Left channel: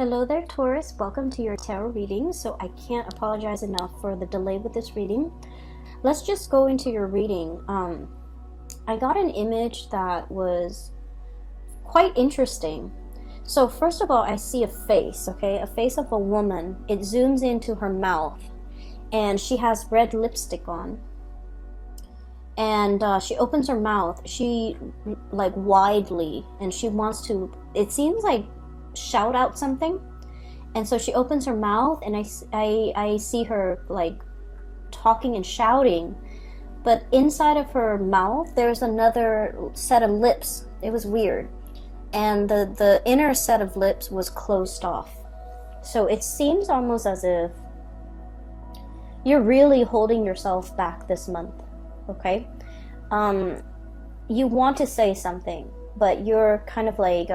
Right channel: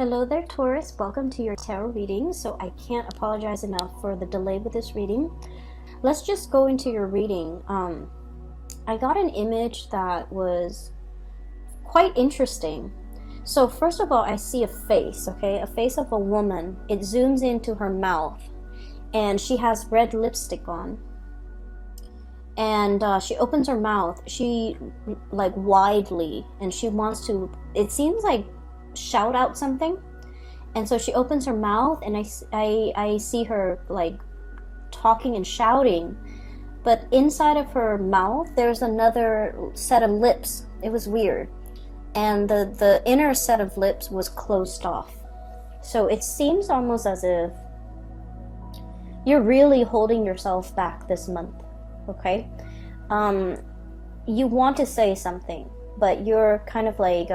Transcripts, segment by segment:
Hello there, Taurus. Welcome to your tarot reading. So I can't apologize enough for the delay with this reading. Let's just go into your reading. I got an image that was quite interesting. So first of all, I see a face, okay? A face of a woman. It zooms into her mouth and she has red lipstick on. And she opens her mouth, like widely, and she wants to, it seems like, shout out something. And so she opens her mouth and I see her like talking and shouting, but inside of her mouth there's another set of lips. It was weird, and the inner set of lips was closed off. So it seems almost as if you're really holding yourself back this month. Okay, you want to say something, but you're kind of like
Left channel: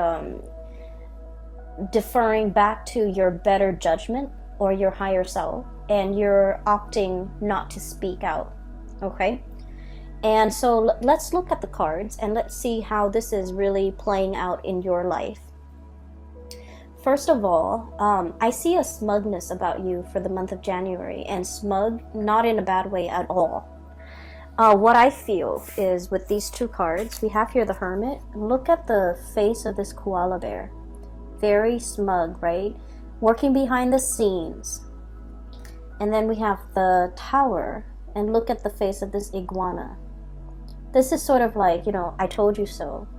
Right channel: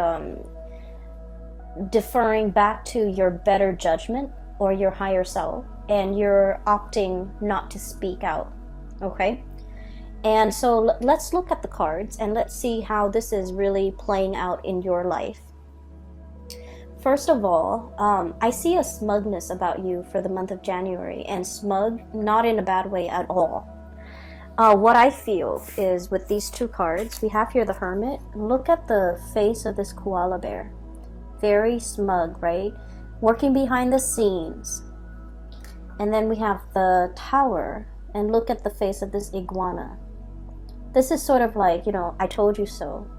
deferring back to your better judgment or your higher self, and you're opting not to speak out. Okay, and so let's look at the cards and let's see how this is really playing out in your life. First of all, I see a smugness about you for the month of January, and smug not in a bad way at all. What I feel is with these two cards, we have here the Hermit. Look at the face of this koala bear. Very smug, right? Working behind the scenes. And then we have the Tower, and look at the face of this iguana. This is sort of like, I told you so.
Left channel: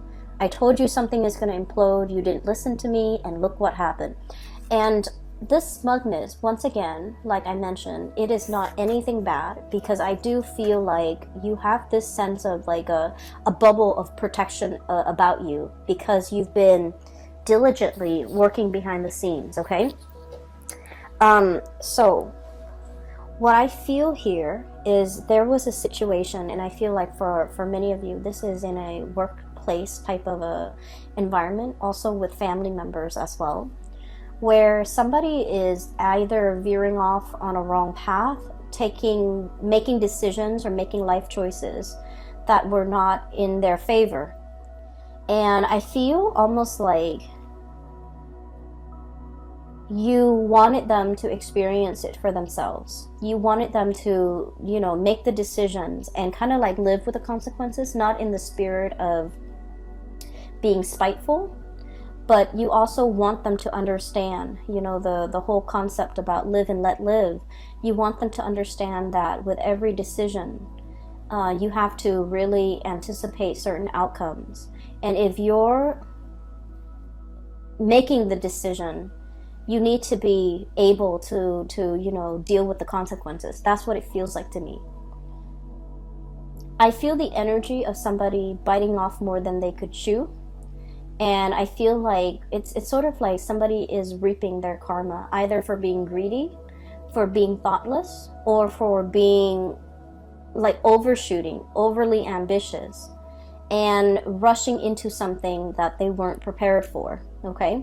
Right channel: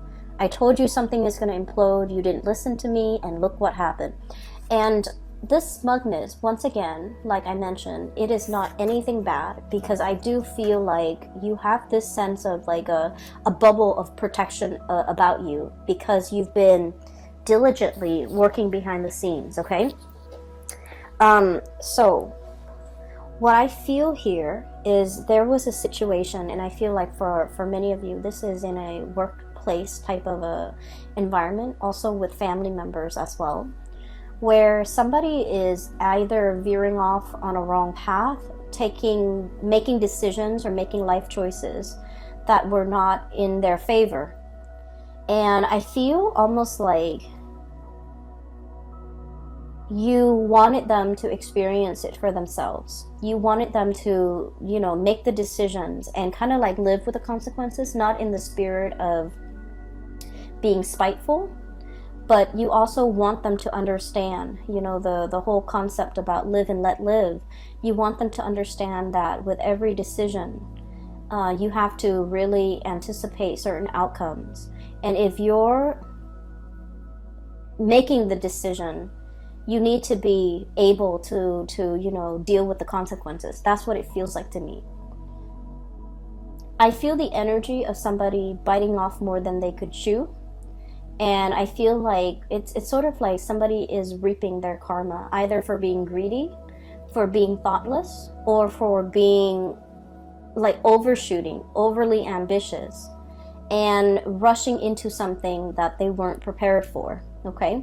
I told you something is going to implode, you didn't listen to me, and look what happened. And this smugness, once again, like I mentioned, it is not anything bad, because I do feel like you have this sense of like a bubble of protection about you, because you've been diligently working behind the scenes. Okay, so what I feel here is there was a situation, and I feel like for many of you this is in a workplace type of a environment, also with family members as well, where somebody is either veering off on a wrong path, making decisions or making life choices that were not in their favor. And I feel almost like you wanted them to experience it for themselves. You wanted them to, make the decisions and kind of like live with the consequences, not in the spirit of being spiteful, but you also want them to understand, the whole concept about live and let live. You want them to understand that with every decision, you have to really anticipate certain outcomes. And if you're making the decision, you need to be able to deal with the consequences. That's what it feels like to me. I feel the energy of somebody biting off more than they could chew. And I feel like it's sort of like somebody is reaping their karma, either for being greedy, for being thoughtless, or for being like overshooting, overly ambitious, and rushing into something that they weren't prepared for. Okay?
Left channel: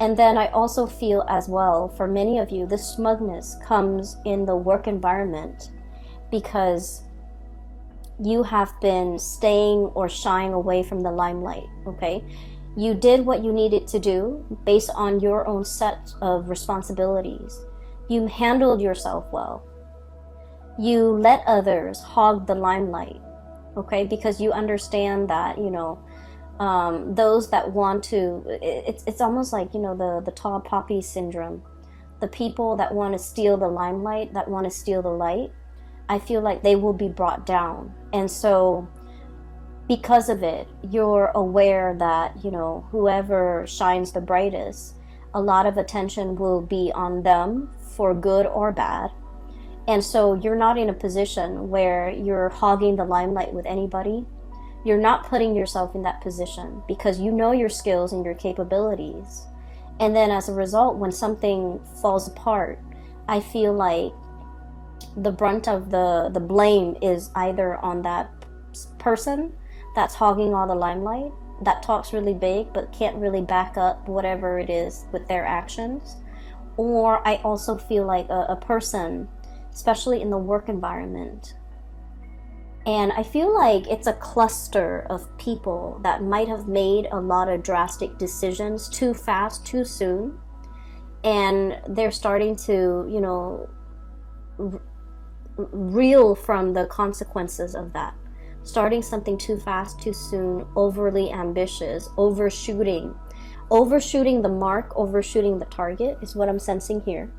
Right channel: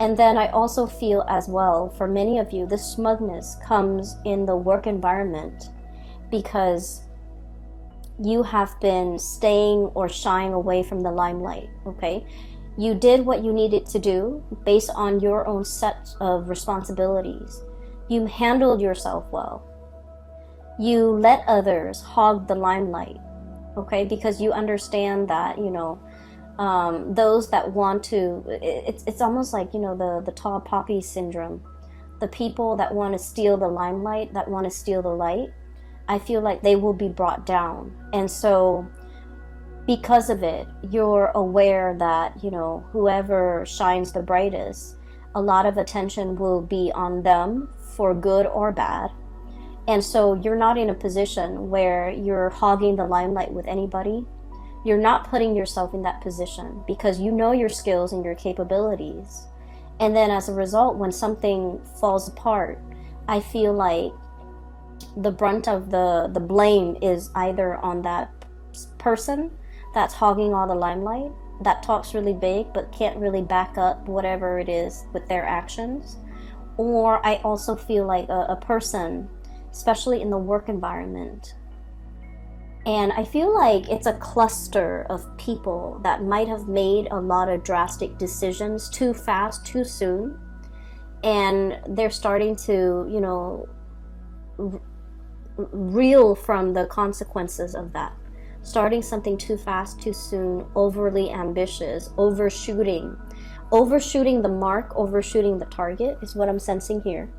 And then I also feel as well, for many of you, this smugness comes in the work environment because you have been staying or shying away from the limelight. Okay, you did what you needed to do based on your own set of responsibilities. You handled yourself well. You let others hog the limelight. Okay, because you understand that those that want to, it's almost like the tall poppy syndrome. The people that want to steal the limelight, that want to steal the light, I feel like they will be brought down. And so because of it, you're aware that whoever shines the brightest, a lot of attention will be on them for good or bad. And so you're not in a position where you're hogging the limelight with anybody. You're not putting yourself in that position because you know your skills and your capabilities. And then as a result, when something falls apart, I feel like the brunt of the blame is either on that person that's hogging all the limelight, that talks really big but can't really back up whatever it is with their actions. Or I also feel like a person, especially in the work environment, and I feel like it's a cluster of people that might have made a lot of drastic decisions too fast, too soon, and they're starting to, you know, reel from the consequences of that. Starting something too fast, too soon, overly ambitious, overshooting the mark, overshooting the target is what I'm sensing here.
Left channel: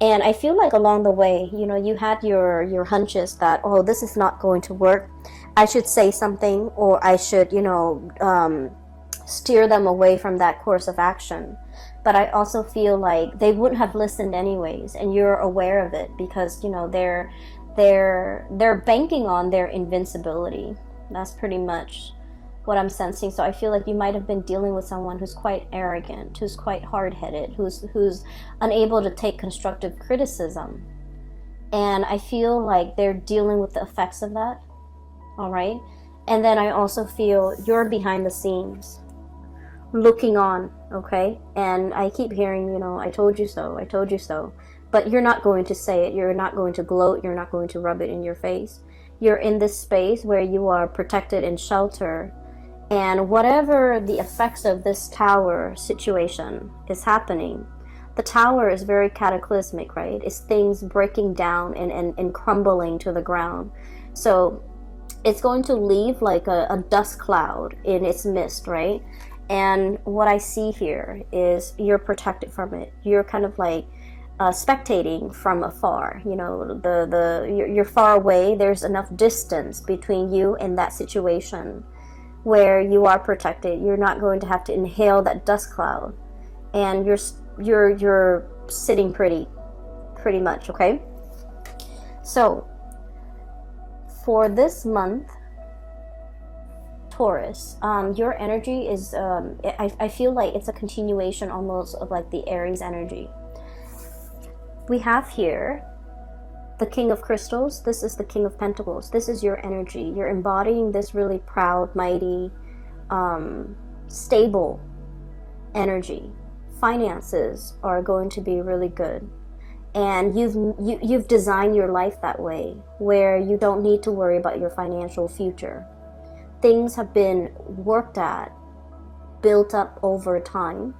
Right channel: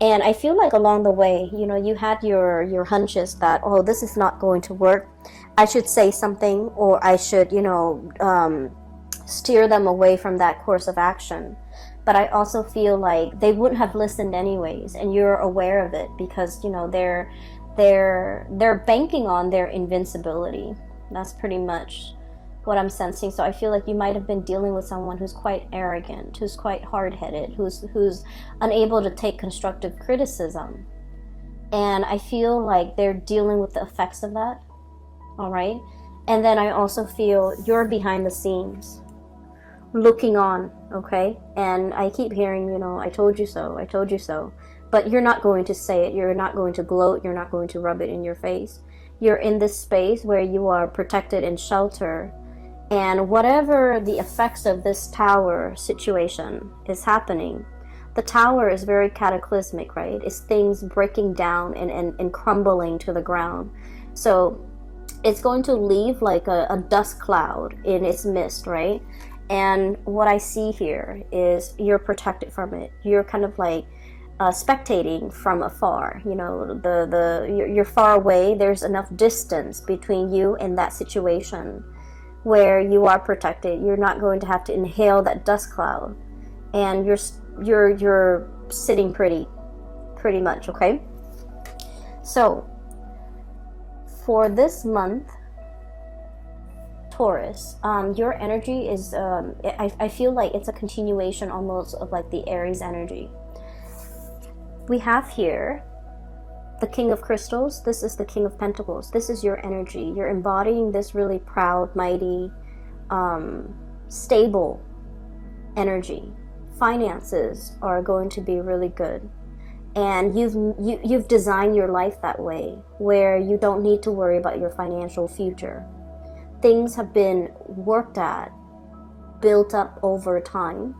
And I feel like along the way, you know, you had your hunches that, oh, this is not going to work. I should say something, or I should, you know, steer them away from that course of action. But I also feel like they wouldn't have listened anyways, and you're aware of it because, you know, they're banking on their invincibility. That's pretty much what I'm sensing. So I feel like you might have been dealing with someone who's quite arrogant, who's quite hard-headed, who's unable to take constructive criticism. And I feel like they're dealing with the effects of that. All right? And then I also feel you're behind the scenes, looking on, okay? And I keep hearing, you know, I told you so, I told you so. But you're not going to say it. You're not going to gloat. You're not going to rub it in your face. You're in this space where you are protected and sheltered. And whatever the effects of this tower situation is happening, the tower is very cataclysmic, right? It's things breaking down and crumbling to the ground. So it's going to leave like a dust cloud in its midst, right? And what I see here is you're protected from it. You're kind of like spectating from afar. You know, you're far away. There's enough distance between you and that situation where you are protected. You're not going to have to inhale that dust cloud, and you're sitting pretty much, okay? So for this month, Taurus, your energy is I feel like it's a continuation almost of like the Aries energy. We have here the King of Crystals. This is the King of Pentacles. This is your energy. You're embodying this really proud, mighty, stable energy. Finances are going to be really good. And you've designed your life that way, where you don't need to worry about your financial future. Things have been worked at, built up over time.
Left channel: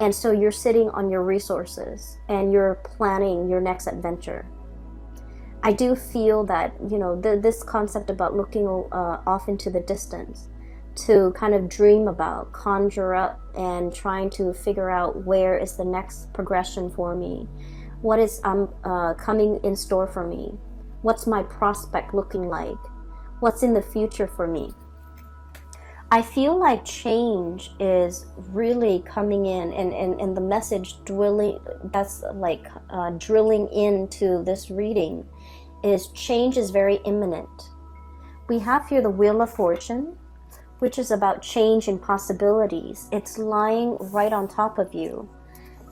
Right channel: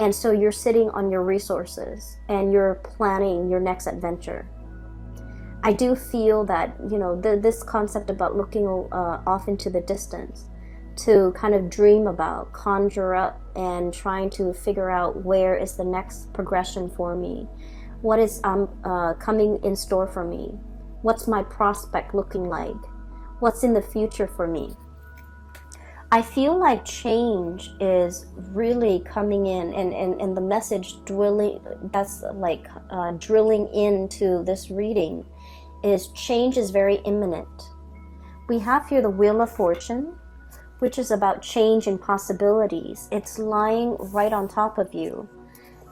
And so you're sitting on your resources and you're planning your next adventure. I do feel that, you know, this concept about looking off into the distance to kind of dream about, conjure up, and trying to figure out where is the next progression for me. What is coming in store for me? What's my prospect looking like? What's in the future for me? I feel like change is really coming in, and the message drilling into this reading is change is very imminent. We have here the Wheel of Fortune, which is about change and possibilities. It's lying right on top of you.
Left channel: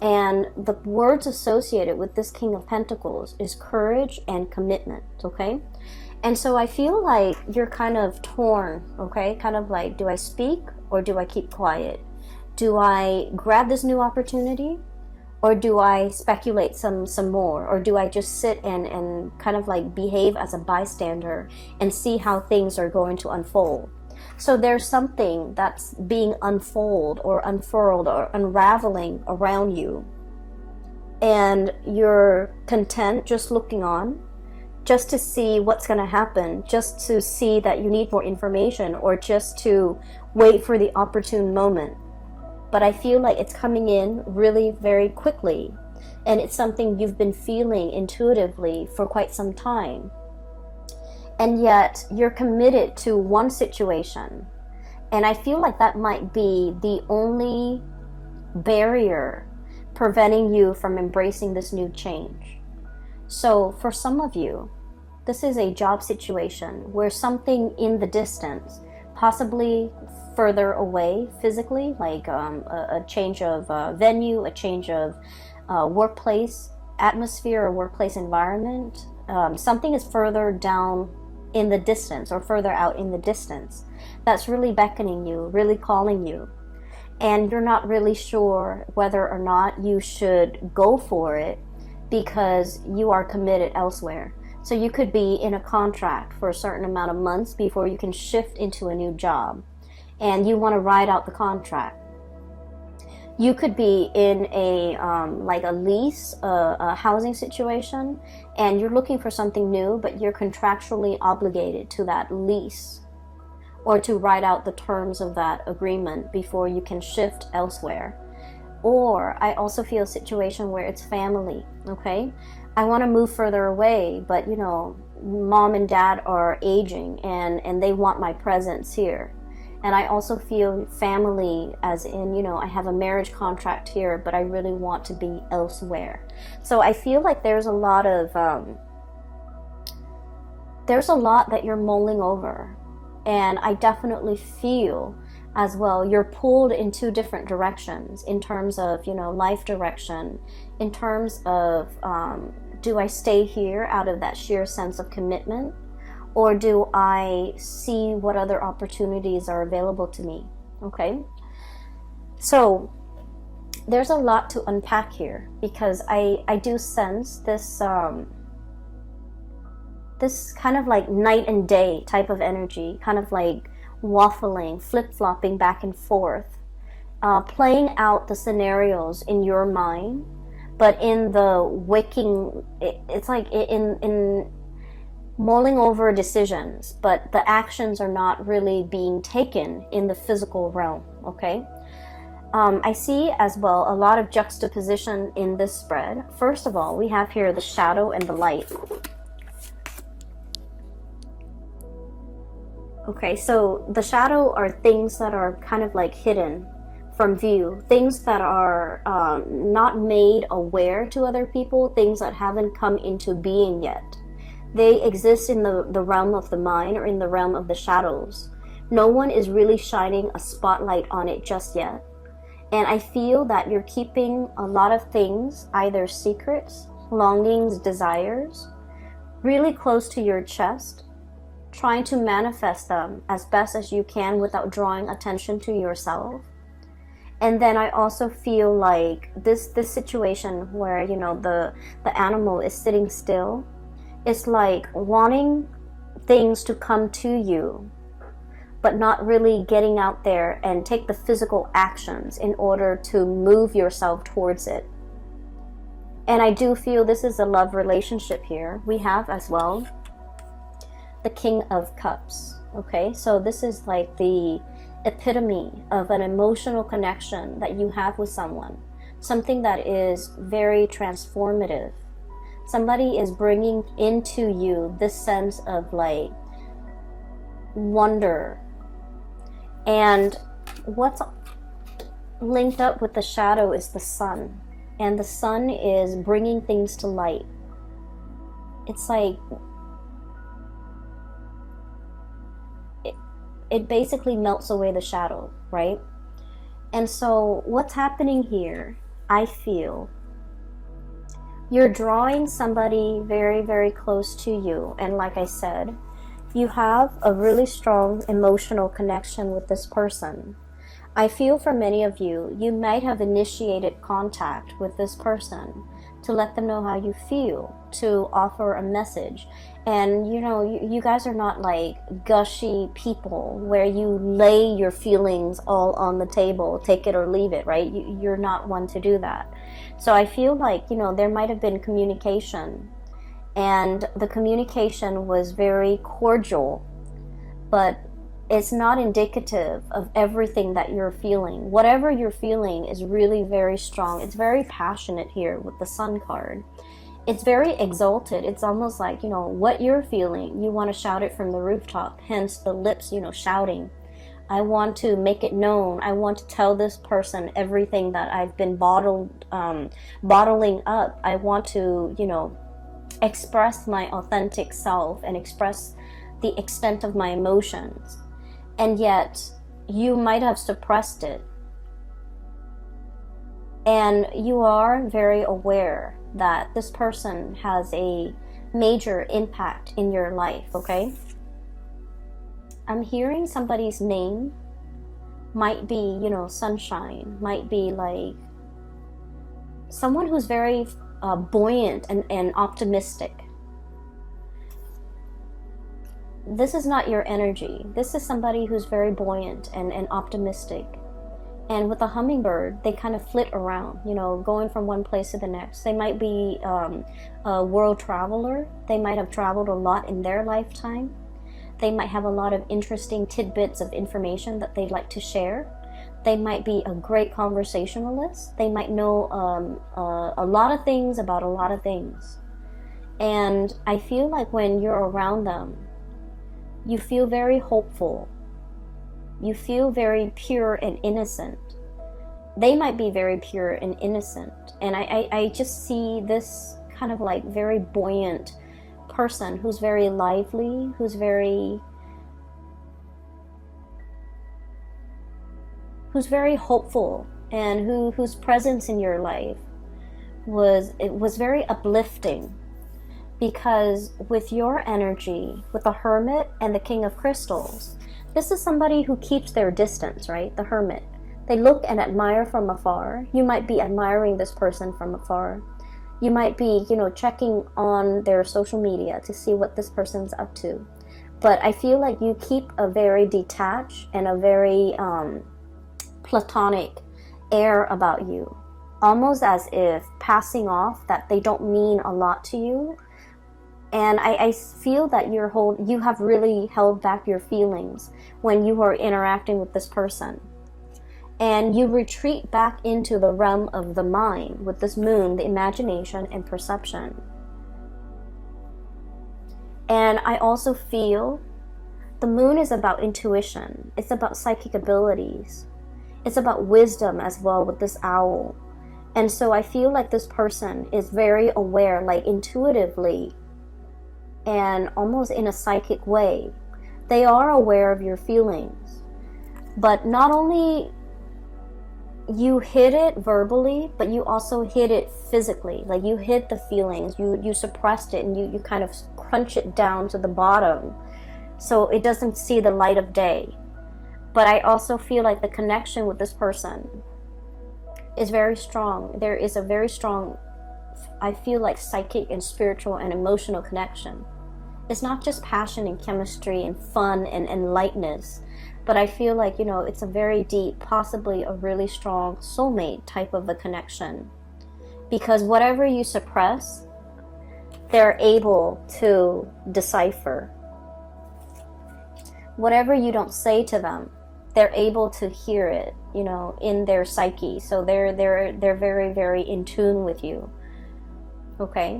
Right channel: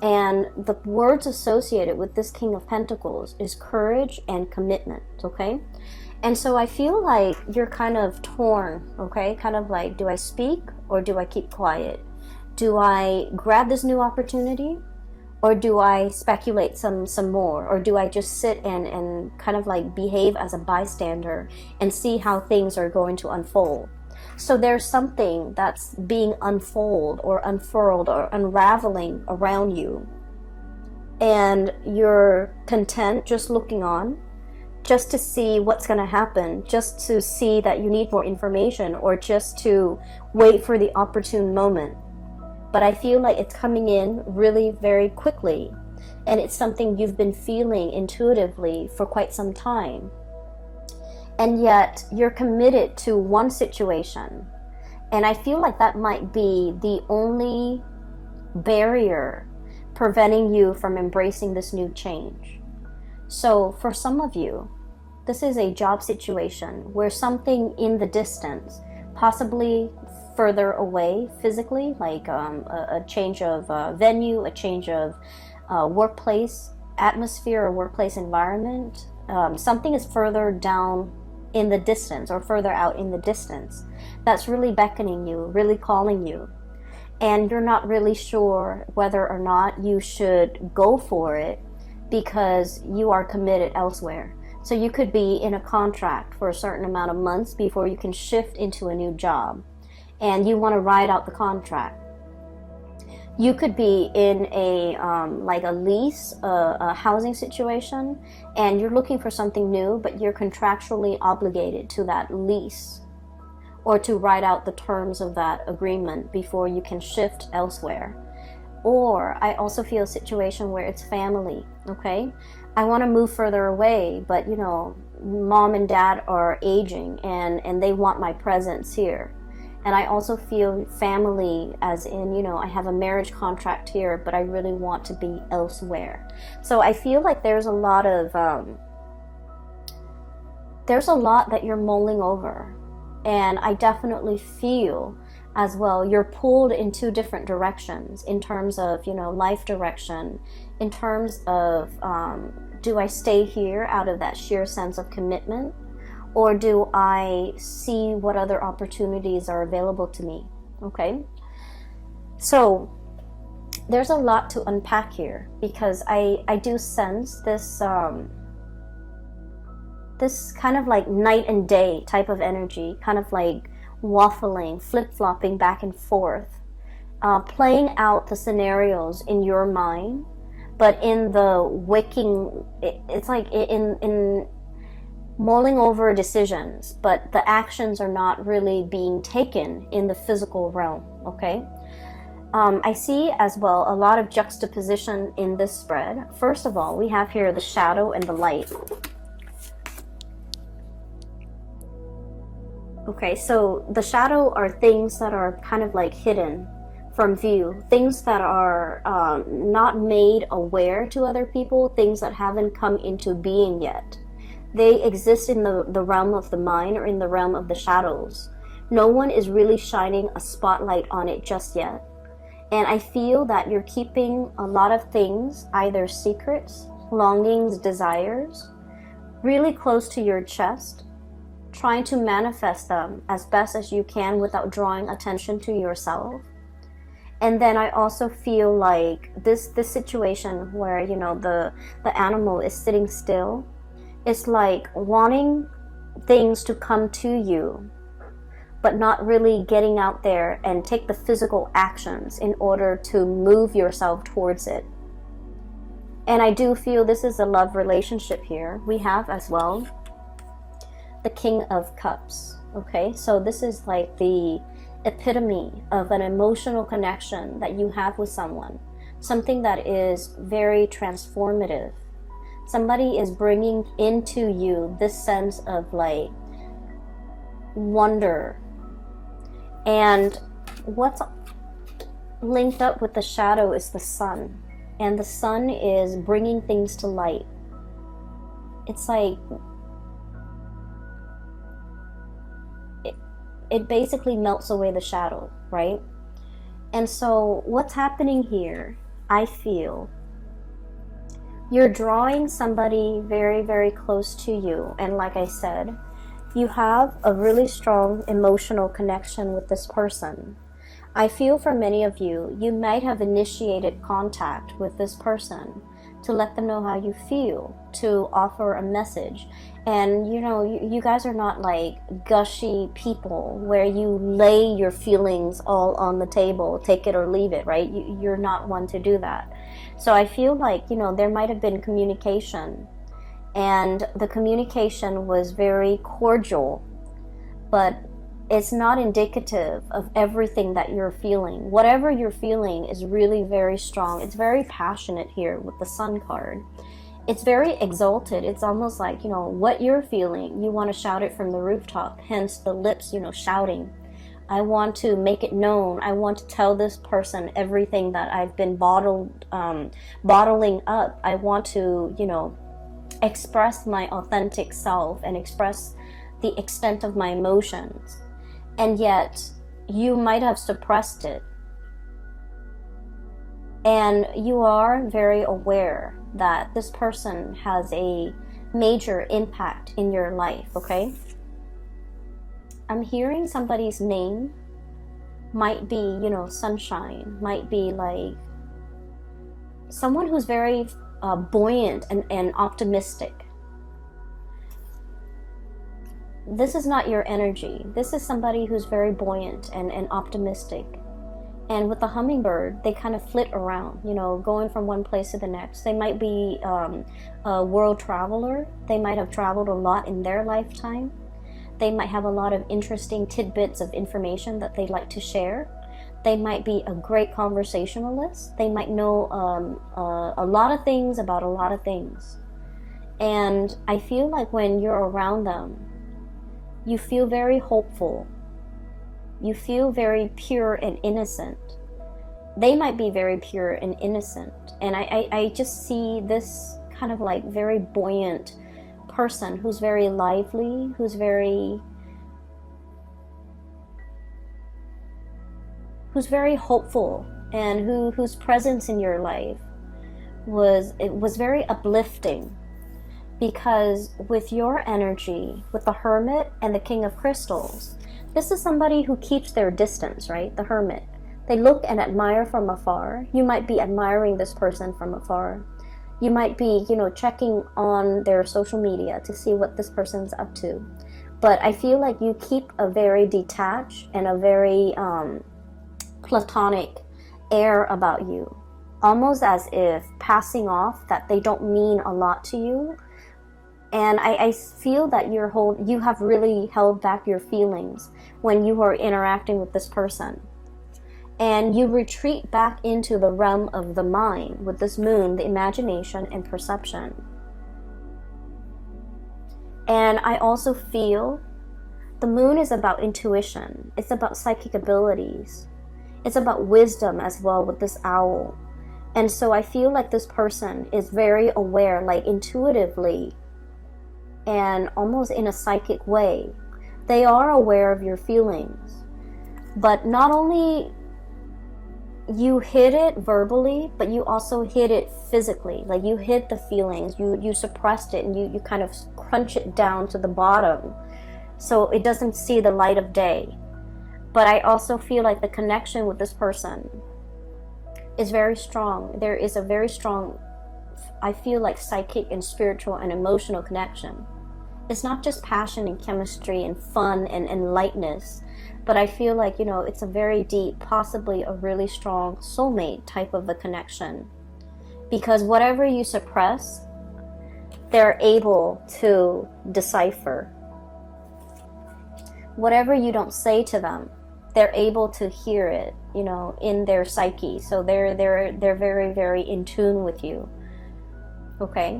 And the words associated with this King of Pentacles is courage and commitment, okay? And so I feel like you're kind of torn, okay? Kind of like, do I speak or do I keep quiet? Do I grab this new opportunity or do I speculate some more? Or do I just sit and kind of like behave as a bystander and see how things are going to unfold? So there's something that's being unfolded or unfurled or unraveling around you. And you're content just looking on, just to see what's going to happen, just to see that you need more information, or just to wait for the opportune moment. But I feel like it's coming in really very quickly, and it's something you've been feeling intuitively for quite some time. And yet you're committed to one situation, and I feel like that might be the only barrier preventing you from embracing this new change. So for some of you, this is a job situation where something in the distance, possibly further away physically, like a change of venue, a change of workplace atmosphere or workplace environment, something is further down in the distance or further out in the distance that's really beckoning you, really calling you. And you're not really sure whether or not you should go for it, because you are committed elsewhere. So you could be in a contract for a certain amount of months before you can shift into a new job, and you want to ride out the contract. You could be in a like a lease, a housing situation, and you're looking for something new, but you're contractually obligated to that lease or to write out the terms of that agreement before you can shift elsewhere. Or I also feel a situation where it's family, okay? I want to move further away, but you know, mom and dad are aging and they want my presence here. And I also feel family as in, you know, I have a marriage contract here, but I really want to be elsewhere. So I feel like there's a lot that you're mulling over. And I definitely feel as well you're pulled in two different directions in terms of, you know, life direction, in terms of do I stay here out of that sheer sense of commitment, or do I see what other opportunities are available to me? Okay, so there's a lot to unpack here, because I do sense this this kind of like night and day type of energy, kind of like waffling, flip-flopping back and forth, playing out the scenarios in your mind, but in the waking, it's like in mulling over decisions, but the actions are not really being taken in the physical realm, okay? I see as well a lot of juxtaposition in this spread. First of all, we have here the shadow and the light. Okay, so the shadow are things that are kind of like hidden from view, things that are not made aware to other people, things that haven't come into being yet. They exist in the realm of the mind, or in the realm of the shadows. No one is really shining a spotlight on it just yet. And I feel that you're keeping a lot of things, either secrets, longings, desires, really close to your chest, trying to manifest them as best as you can without drawing attention to yourself. And then I also feel like this situation where, you know, the animal is sitting still, it's like wanting things to come to you, but not really getting out there and take the physical actions in order to move yourself towards it. And I do feel this is a love relationship here. We have as well the King of Cups. Okay, so this is like the epitome of an emotional connection that you have with someone, something that is very transformative. Somebody is bringing into you this sense of like wonder. And what's linked up with the shadow is the sun. And the sun is bringing things to light. It's like it basically melts away the shadow, right? And so what's happening here, I feel, you're drawing somebody very, very close to you. And like I said, you have a really strong emotional connection with this person. I feel for many of you, you might have initiated contact with this person to let them know how you feel, to offer a message. And you know, you guys are not like gushy people where you lay your feelings all on the table, take it or leave it, right? You're not one to do that. So I feel like, you know, there might have been communication, and the communication was very cordial, but it's not indicative of everything that you're feeling. Whatever you're feeling is really very strong. It's very passionate here with the Sun card. It's very exalted. It's almost like, you know, what you're feeling, you want to shout it from the rooftop, hence the lips, you know, shouting. I want to make it known. I want to tell this person everything that I've been bottling up. I want to, you know, express my authentic self and express the extent of my emotions. And yet, you might have suppressed it. And you are very aware that this person has a major impact in your life, okay? I'm hearing somebody's name. Might be, you know, Sunshine. Might be like someone who's very buoyant and optimistic. This is not your energy. This is somebody who's very buoyant and optimistic. And with a hummingbird, they kind of flit around, you know, going from one place to the next. They might be a world traveler. They might have traveled a lot in their lifetime. They might have a lot of interesting tidbits of information that they'd like to share. They might be a great conversationalist. They might know a lot of things about a lot of things. And I feel like when you're around them, you feel very hopeful. You feel very pure and innocent. They might be very pure and innocent. And I just see this kind of like very buoyant person who's very lively, who's very hopeful, and whose presence in your life was very uplifting. Because with your energy, with the Hermit and the King of Crystals, this is somebody who keeps their distance, right? The Hermit. They look and admire from afar. You might be admiring this person from afar. You might be, you know, checking on their social media to see what this person's up to. But I feel like you keep a very detached and a very platonic air about you. Almost as if passing off that they don't mean a lot to you. And I feel that you have really held back your feelings when you are interacting with this person. And you retreat back into the realm of the mind with this moon, the imagination and perception. And I also feel the moon is about intuition. It's about psychic abilities. It's about wisdom as well with this owl. And so I feel like this person is very aware, like intuitively, and almost in a psychic way. They are aware of your feelings. But not only you hid it verbally, but you also hid it physically. Like you hid the feelings, you suppressed it, and you kind of crunch it down to the bottom so it doesn't see the light of day. But I also feel like the connection with this person is very strong. There is a very strong, I feel like, psychic and spiritual and emotional connection. It's not just passion and chemistry and fun and lightness, but I feel like, you know, it's a very deep, possibly a really strong soulmate type of a connection. Because whatever you suppress, they're able to decipher. Whatever you don't say to them, they're able to hear it, you know, in their psyche. So they're very, very in tune with you. Okay.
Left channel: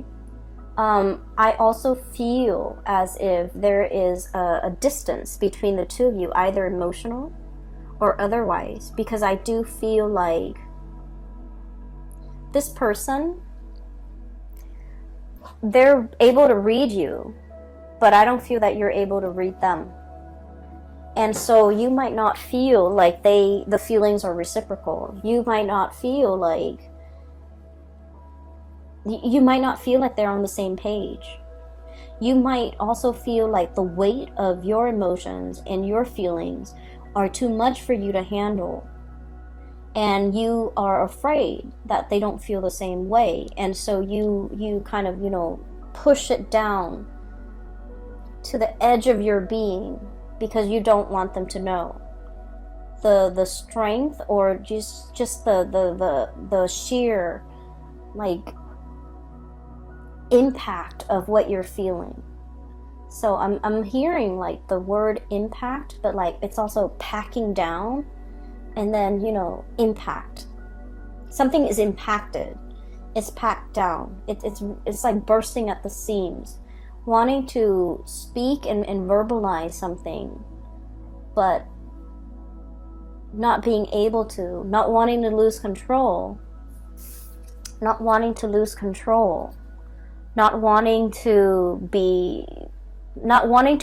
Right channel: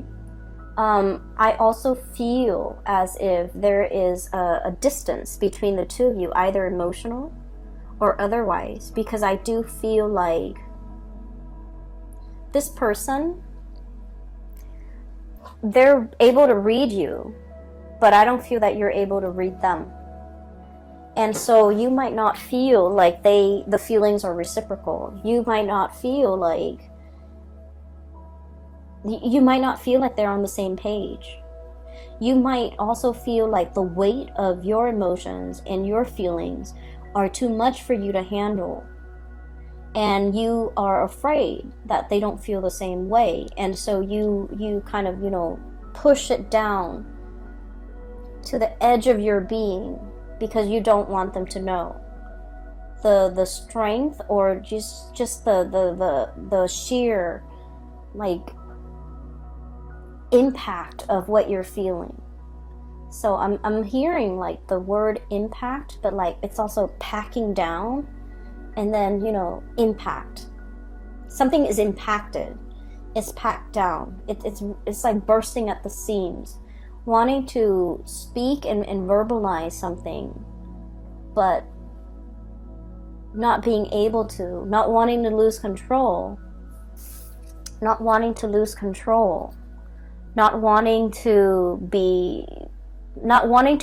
I also feel as if there is a distance between the two of you, either emotional or otherwise, because I do feel like this person, they're able to read you, but I don't feel that you're able to read them. And so you might not feel like the feelings are reciprocal. You might not feel like they're on the same page. You might also feel like the weight of your emotions and your feelings are too much for you to handle. And you are afraid that they don't feel the same way. And so you kind of, you know, push it down to the edge of your being because you don't want them to know the strength or just the sheer, like, impact of what you're feeling. So I'm hearing like the word impact, but like it's also packing down, and then, you know, impact. Something is impacted. It's packed down. It's like bursting at the seams, wanting to speak and verbalize something, but not being able to, not wanting to lose control, not wanting to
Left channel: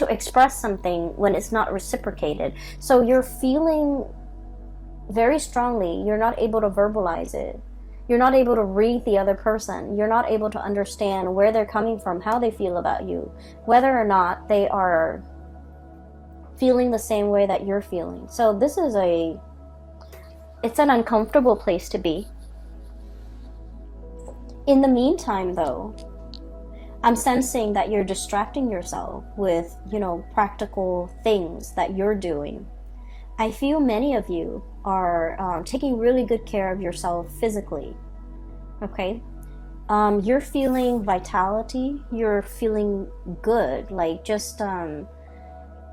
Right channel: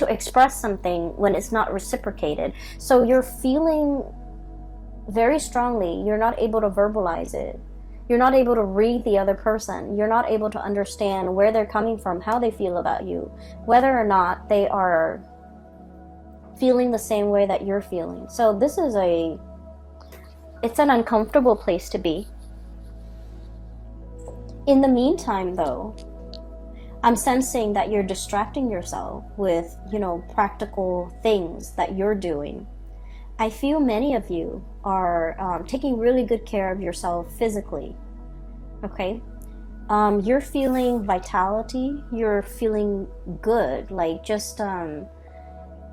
express something when it's not reciprocated. So you're feeling very strongly, you're not able to verbalize it. You're not able to read the other person. You're not able to understand where they're coming from, how they feel about you, whether or not they are feeling the same way that you're feeling. So this is it's an uncomfortable place to be. In the meantime, though, I'm sensing that you're distracting yourself with, you know, practical things that you're doing I feel many of you are taking really good care of yourself physically, okay? You're feeling vitality, you're feeling good, like just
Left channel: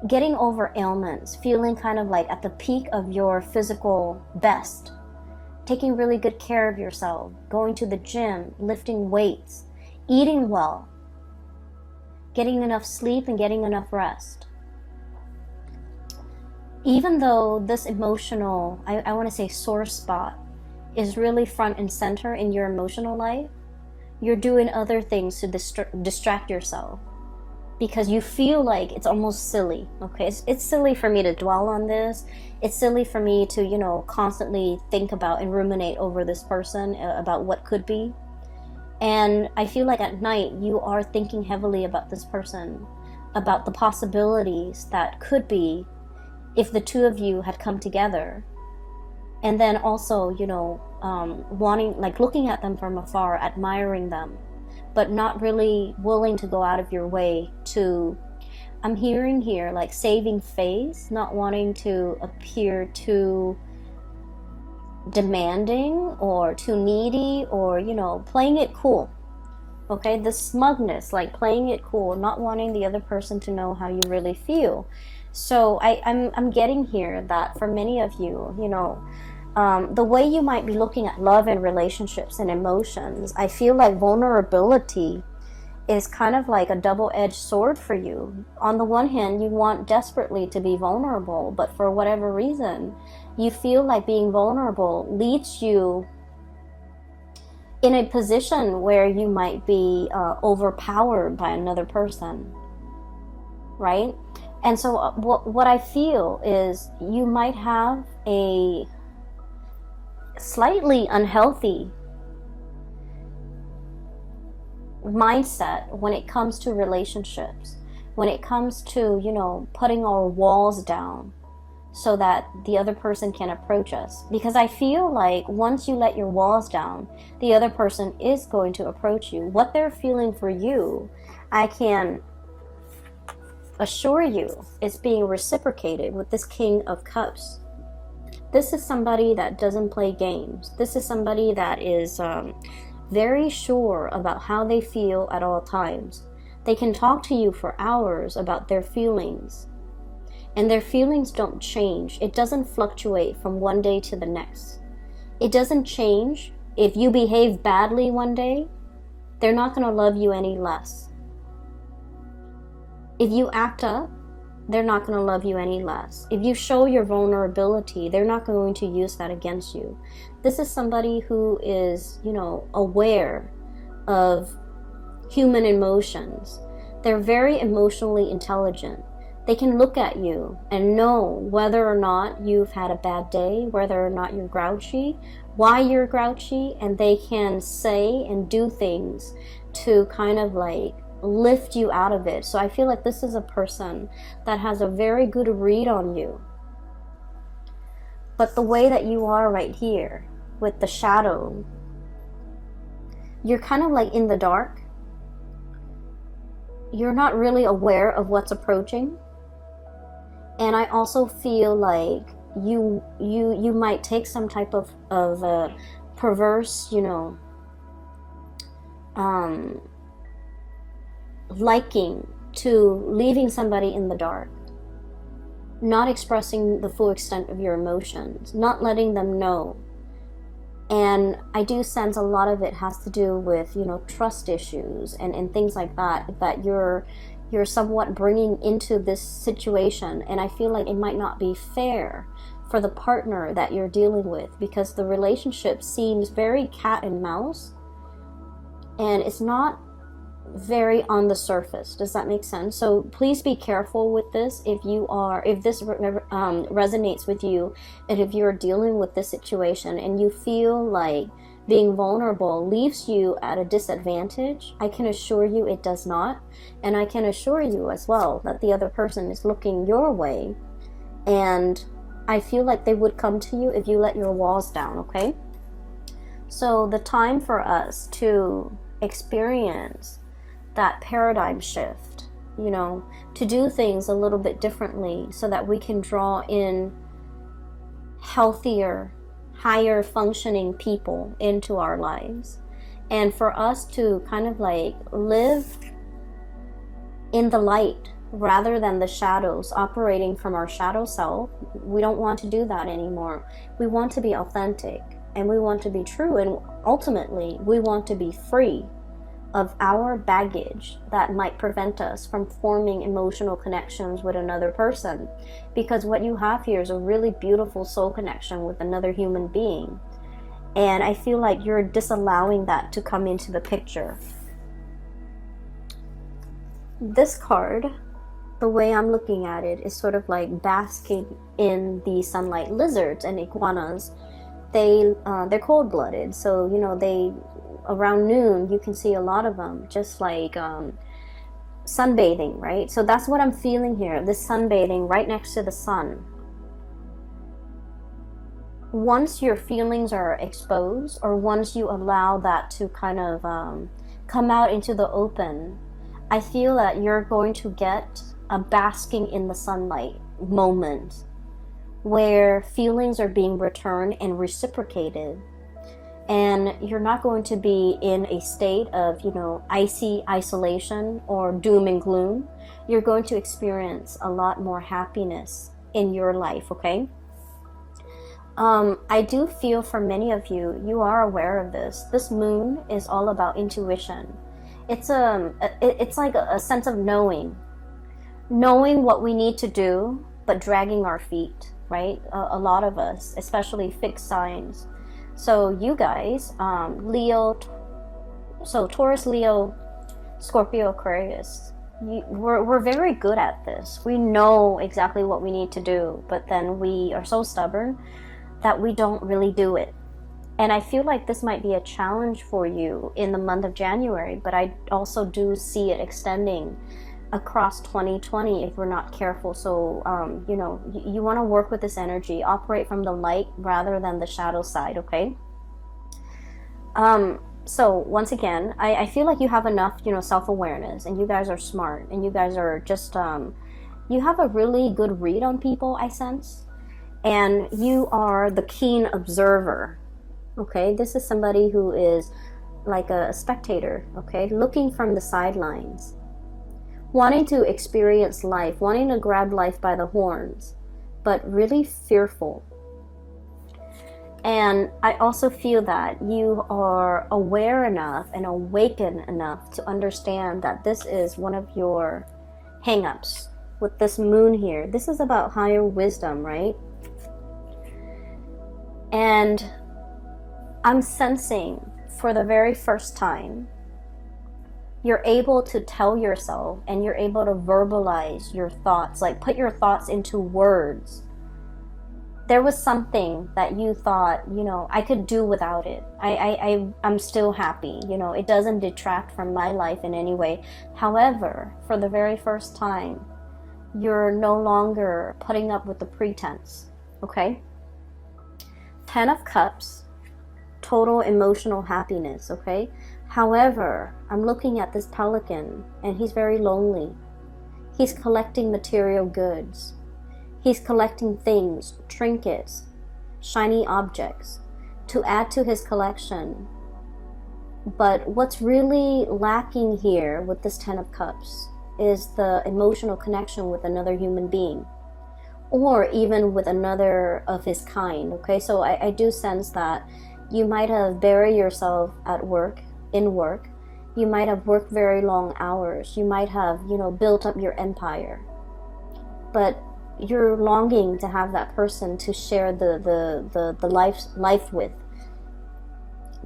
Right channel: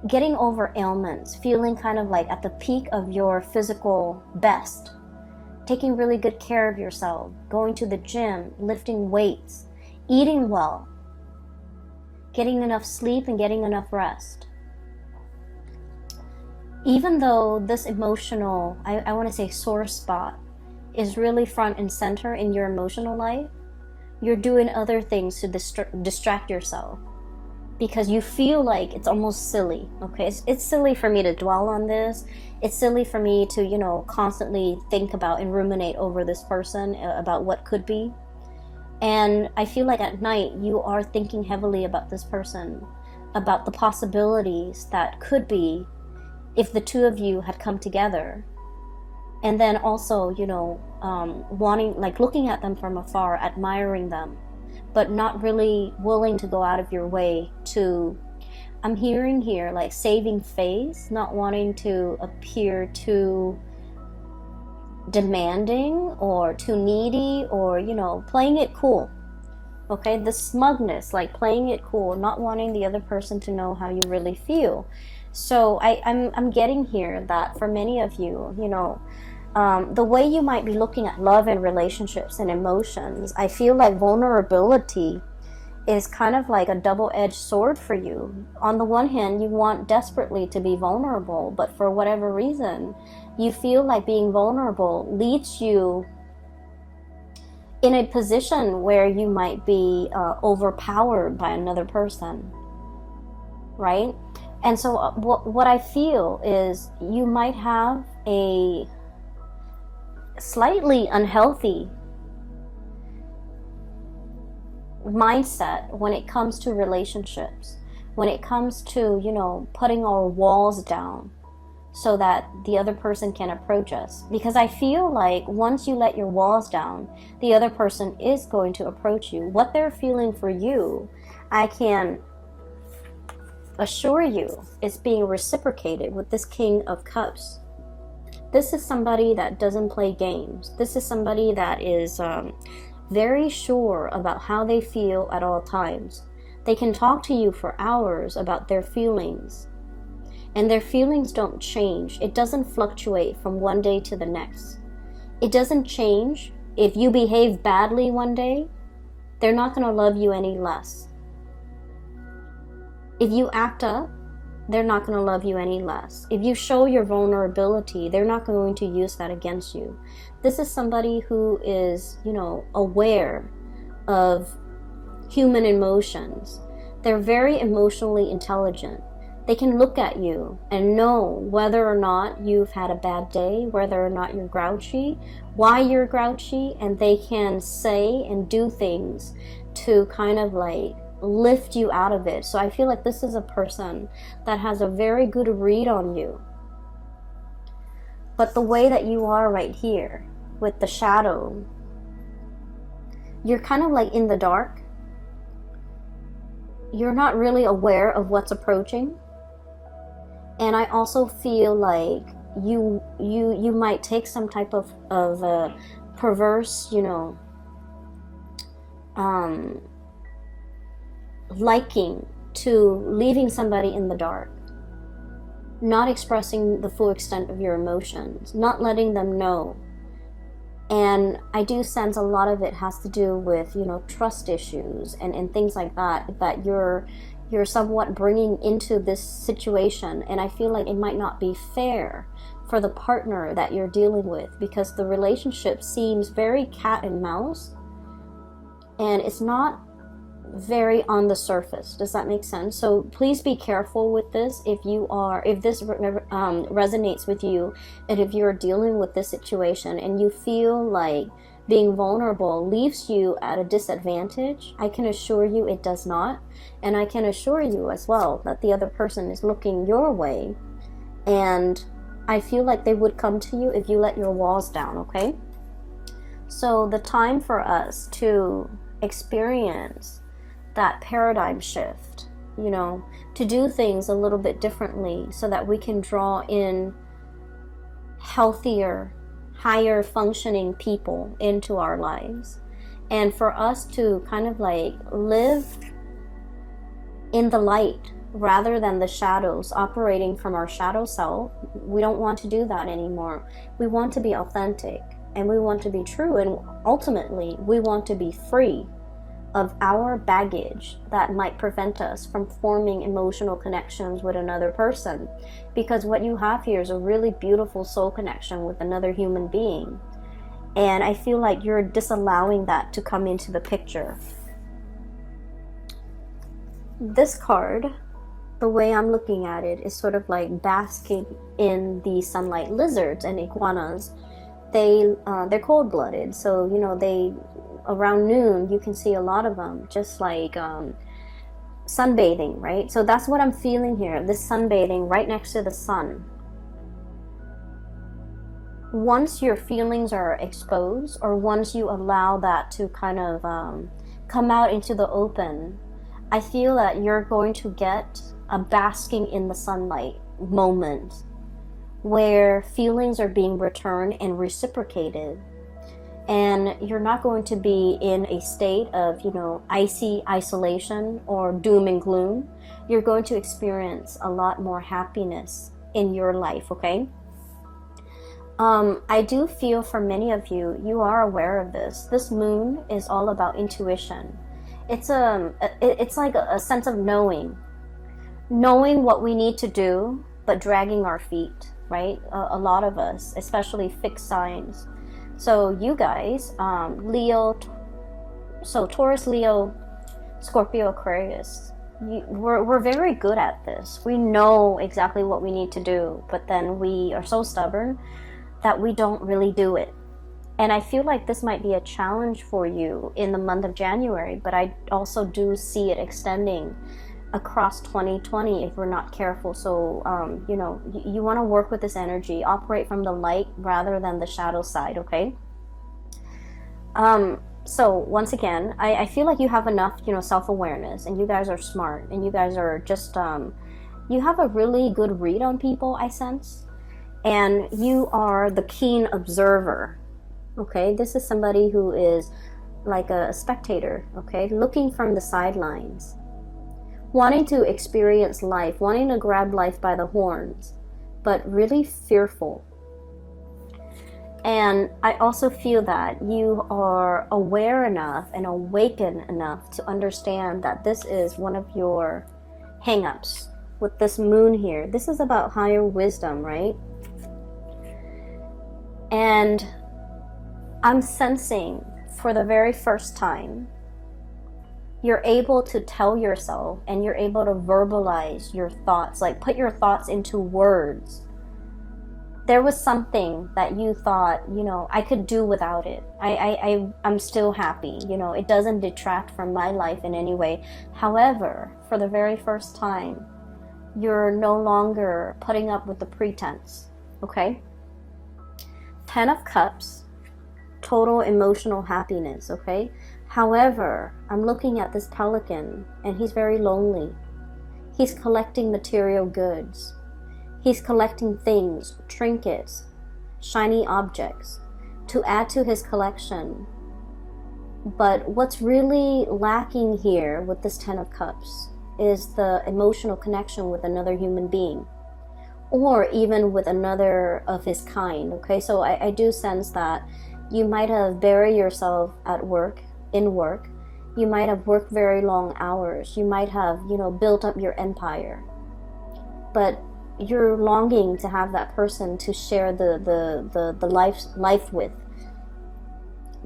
getting over ailments, feeling kind of like at the peak of your physical best, taking really good care of yourself, going to the gym, lifting weights, eating well, getting enough sleep and getting enough rest. Even though this emotional, I want to say sore spot, is really front and center in your emotional life, you're doing other things to distract yourself because you feel like it's almost silly, okay? It's silly for me to dwell on this. It's silly for me to, you know, constantly think about and ruminate over this person, about what could be. And I feel like at night you are thinking heavily about this person, about the possibilities that could be if the two of you had come together. And then also, you know, wanting, like looking at them from afar, admiring them, but not really willing to go out of your way to, I'm hearing here, like saving face, not wanting to appear too demanding or too needy, or, you know, playing it cool. Okay, the smugness, like playing it cool, not wanting the other person to know how you really feel. So I'm getting here that for many of you, you know, the way you might be looking at love and relationships and emotions, I feel like vulnerability is kind of like a double-edged sword for you. On the one hand, you want desperately to be vulnerable, but for whatever reason, you feel like being vulnerable leads you in a position where you might be overpowered by another person, right? And so what I feel is you might have a slightly unhealthy mindset when it comes to relationships, when it comes to, you know, putting our walls down so that the other person can approach us. Because I feel like once you let your walls down, the other person is going to approach you. What they're feeling for you, I can assure you, is being reciprocated with this King of Cups. This is somebody that doesn't play games. This is somebody that is very sure about how they feel at all times. They can talk to you for hours about their feelings, and their feelings don't change. It doesn't fluctuate from one day to the next. It doesn't change. If you behave badly one day, they're not going to love you any less. If you act up, they're not going to love you any less. If you show your vulnerability, they're not going to use that against you. This is somebody who is, you know, aware of human emotions. They're very emotionally intelligent. They can look at you and know whether or not you've had a bad day, whether or not you're grouchy, why you're grouchy, and they can say and do things to kind of like lift you out of it. So I feel like this is a person that has a very good read on you. But the way that you are right here with the shadow, you're kind of like in the dark. You're not really aware of what's approaching. And I also feel like you might take some type of perverse, you know, liking to leaving somebody in the dark, not expressing the full extent of your emotions, not letting them know. And I do sense a lot of it has to do with, you know, trust issues and things like that you're somewhat bringing into this situation. And I feel like it might not be fair for the partner that you're dealing with, because the relationship seems very cat and mouse, and it's not very on the surface. Does that make sense? So please be careful with this. If this resonates with you, and if you're dealing with this situation and you feel like being vulnerable leaves you at a disadvantage, I can assure you it does not. And I can assure you as well that the other person is looking your way, and I feel like they would come to you if you let your walls down, okay? So the time for us to experience that paradigm shift, you know, to do things a little bit differently so that we can draw in healthier, higher functioning people into our lives. And for us to kind of like live in the light rather than the shadows, operating from our shadow self, we don't want to do that anymore. We want to be authentic and we want to be true, and ultimately we want to be free of our baggage that might prevent us from forming emotional connections with another person. Because what you have here is a really beautiful soul connection with another human being. And I feel like you're disallowing that to come into the picture. This card, the way I'm looking at it, is sort of like basking in the sunlight. Lizards and iguanas, they're cold-blooded. So, you know, they, around noon, you can see a lot of them just like sunbathing, right? So that's what I'm feeling here, this sunbathing right next to the sun. Once your feelings are exposed, or once you allow that to kind of come out into the open, I feel that you're going to get a basking in the sunlight moment where feelings are being returned and reciprocated. And you're not going to be in a state of, you know, icy isolation or doom and gloom. You're going to experience a lot more happiness in your life, okay? I do feel for many of you, you are aware of this. This moon is all about intuition. It's like a sense of knowing what we need to do, but dragging our feet, right? A lot of us, especially fixed signs. So you guys, Leo, so Taurus, Leo, Scorpio, Aquarius, we're very good at this. We know exactly what we need to do, but then we are so stubborn that we don't really do it. And I feel like this might be a challenge for you in the month of January, but I also do see it extending across 2020 if we're not careful. So, you know, you want to work with this energy, operate from the light rather than the shadow side, okay? So once again, I feel like you have enough, you know, self-awareness, and you guys are smart, and you guys are just, you have a really good read on people, I sense. And you are the keen observer, okay? This is somebody who is like a spectator, okay? Looking from the sidelines, wanting to experience life, wanting to grab life by the horns, but really fearful. And I also feel that you are aware enough and awakened enough to understand that this is one of your hang-ups with this moon here. This is about higher wisdom, right? And I'm sensing for the very first time, you're able to tell yourself and you're able to verbalize your thoughts, like put your thoughts into words. There was something that you thought, you know, I could do without it. I'm still happy. You know, it doesn't detract from my life in any way. However, for the very first time, you're no longer putting up with the pretense, okay? 10 of Cups, total emotional happiness, okay? However, I'm looking at this pelican and he's very lonely. He's collecting material goods. He's collecting things, trinkets, shiny objects to add to his collection. But what's really lacking here with this 10 of Cups is the emotional connection with another human being, or even with another of his kind, okay? So I do sense that you might have buried yourself at work, in work. You might have worked very long hours. You might have, you know, built up your empire. But you're longing to have that person to share the life with,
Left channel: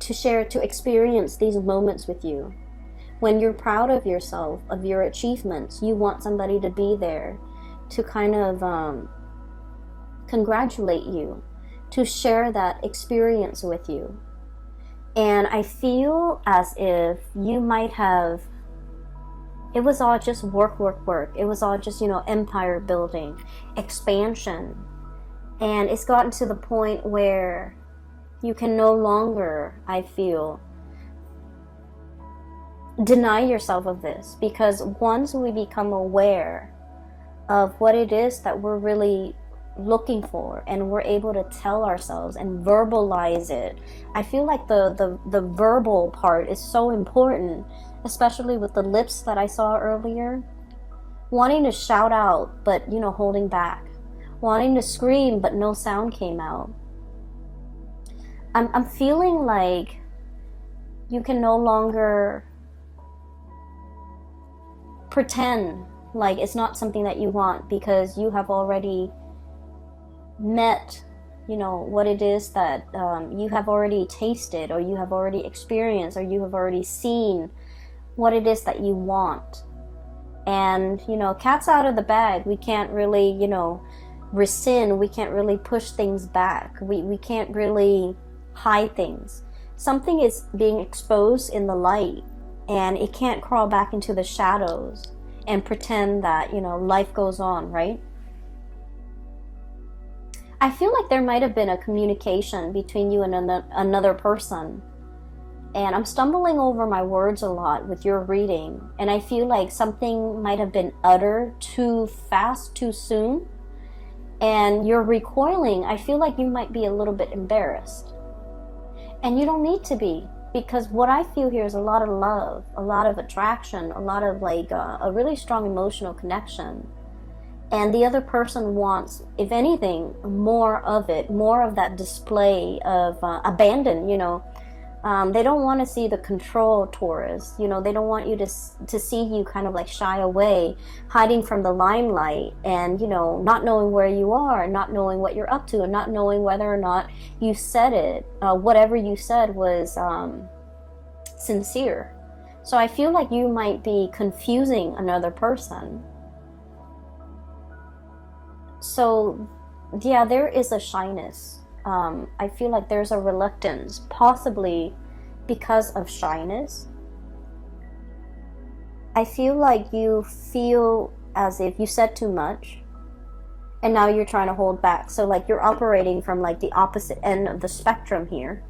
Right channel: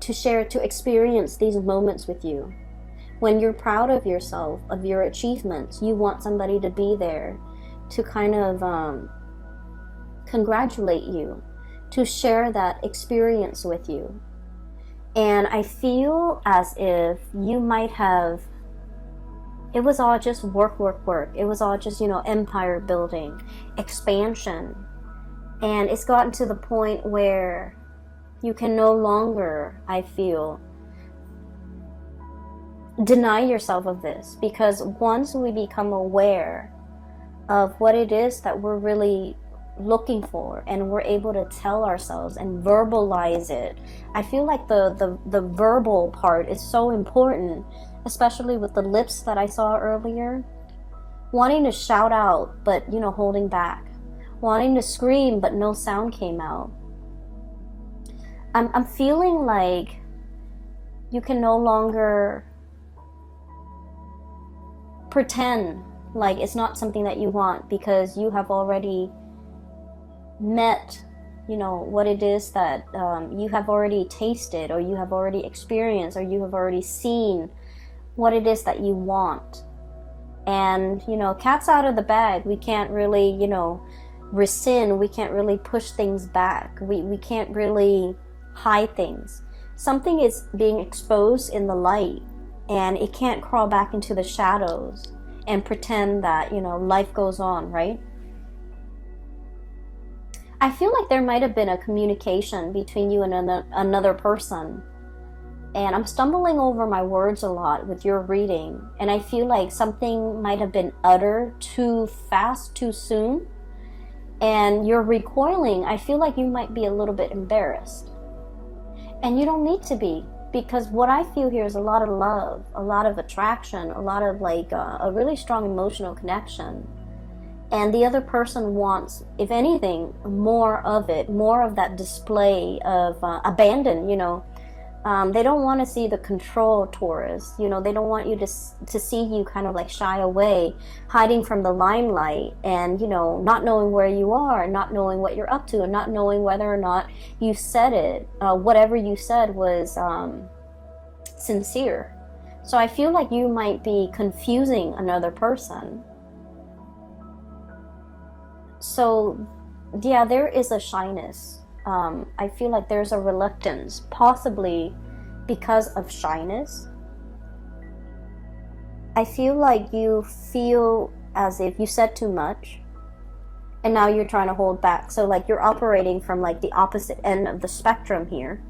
to experience these moments with you. When you're proud of yourself, of your achievements, you want somebody to be there to kind of congratulate you, to share that experience with you. And I feel as if you might have, it was all just work. It was all just, you know, empire building, expansion. And it's gotten to the point where you can no longer, I feel, deny yourself of this. Because once we become aware of what it is that we're really looking for, and we're able to tell ourselves and verbalize it. I feel like the verbal part is so important, especially with the lips that I saw earlier. Wanting to shout out, but holding back. Wanting to scream, but no sound came out. I'm feeling like you can no longer pretend like it's not something that you want, because you have already met, what it is that you have already tasted, or you have already experienced, or you have already seen what it is that you want. And, cat's out of the bag. We can't really, rescind. We can't really push things back. We can't really hide things. Something is being exposed in the light, and it can't crawl back into the shadows and pretend that, life goes on, right? I feel like there might have been a communication between you and another person. And I'm stumbling over my words a lot with your reading. And I feel like something might have been uttered too fast, too soon. And you're recoiling. I feel like you might be a little bit embarrassed. And you don't need to be. Because what I feel here is a lot of love, a lot of attraction, a lot of a really strong emotional connection. And the other person wants, if anything, more of it, more of that display of abandon, They don't want to see the control, Taurus. They don't want you to see you kind of shy away, hiding from the limelight, and, not knowing where you are, not knowing what you're up to, and not knowing whether or not you said it. Whatever you said was sincere. So I feel like you might be confusing another person. So, yeah, there is a shyness. I feel like there's a reluctance, possibly because of shyness. I feel like you feel as if you said too much, and now you're trying to hold back. So you're operating from the opposite end of the spectrum here.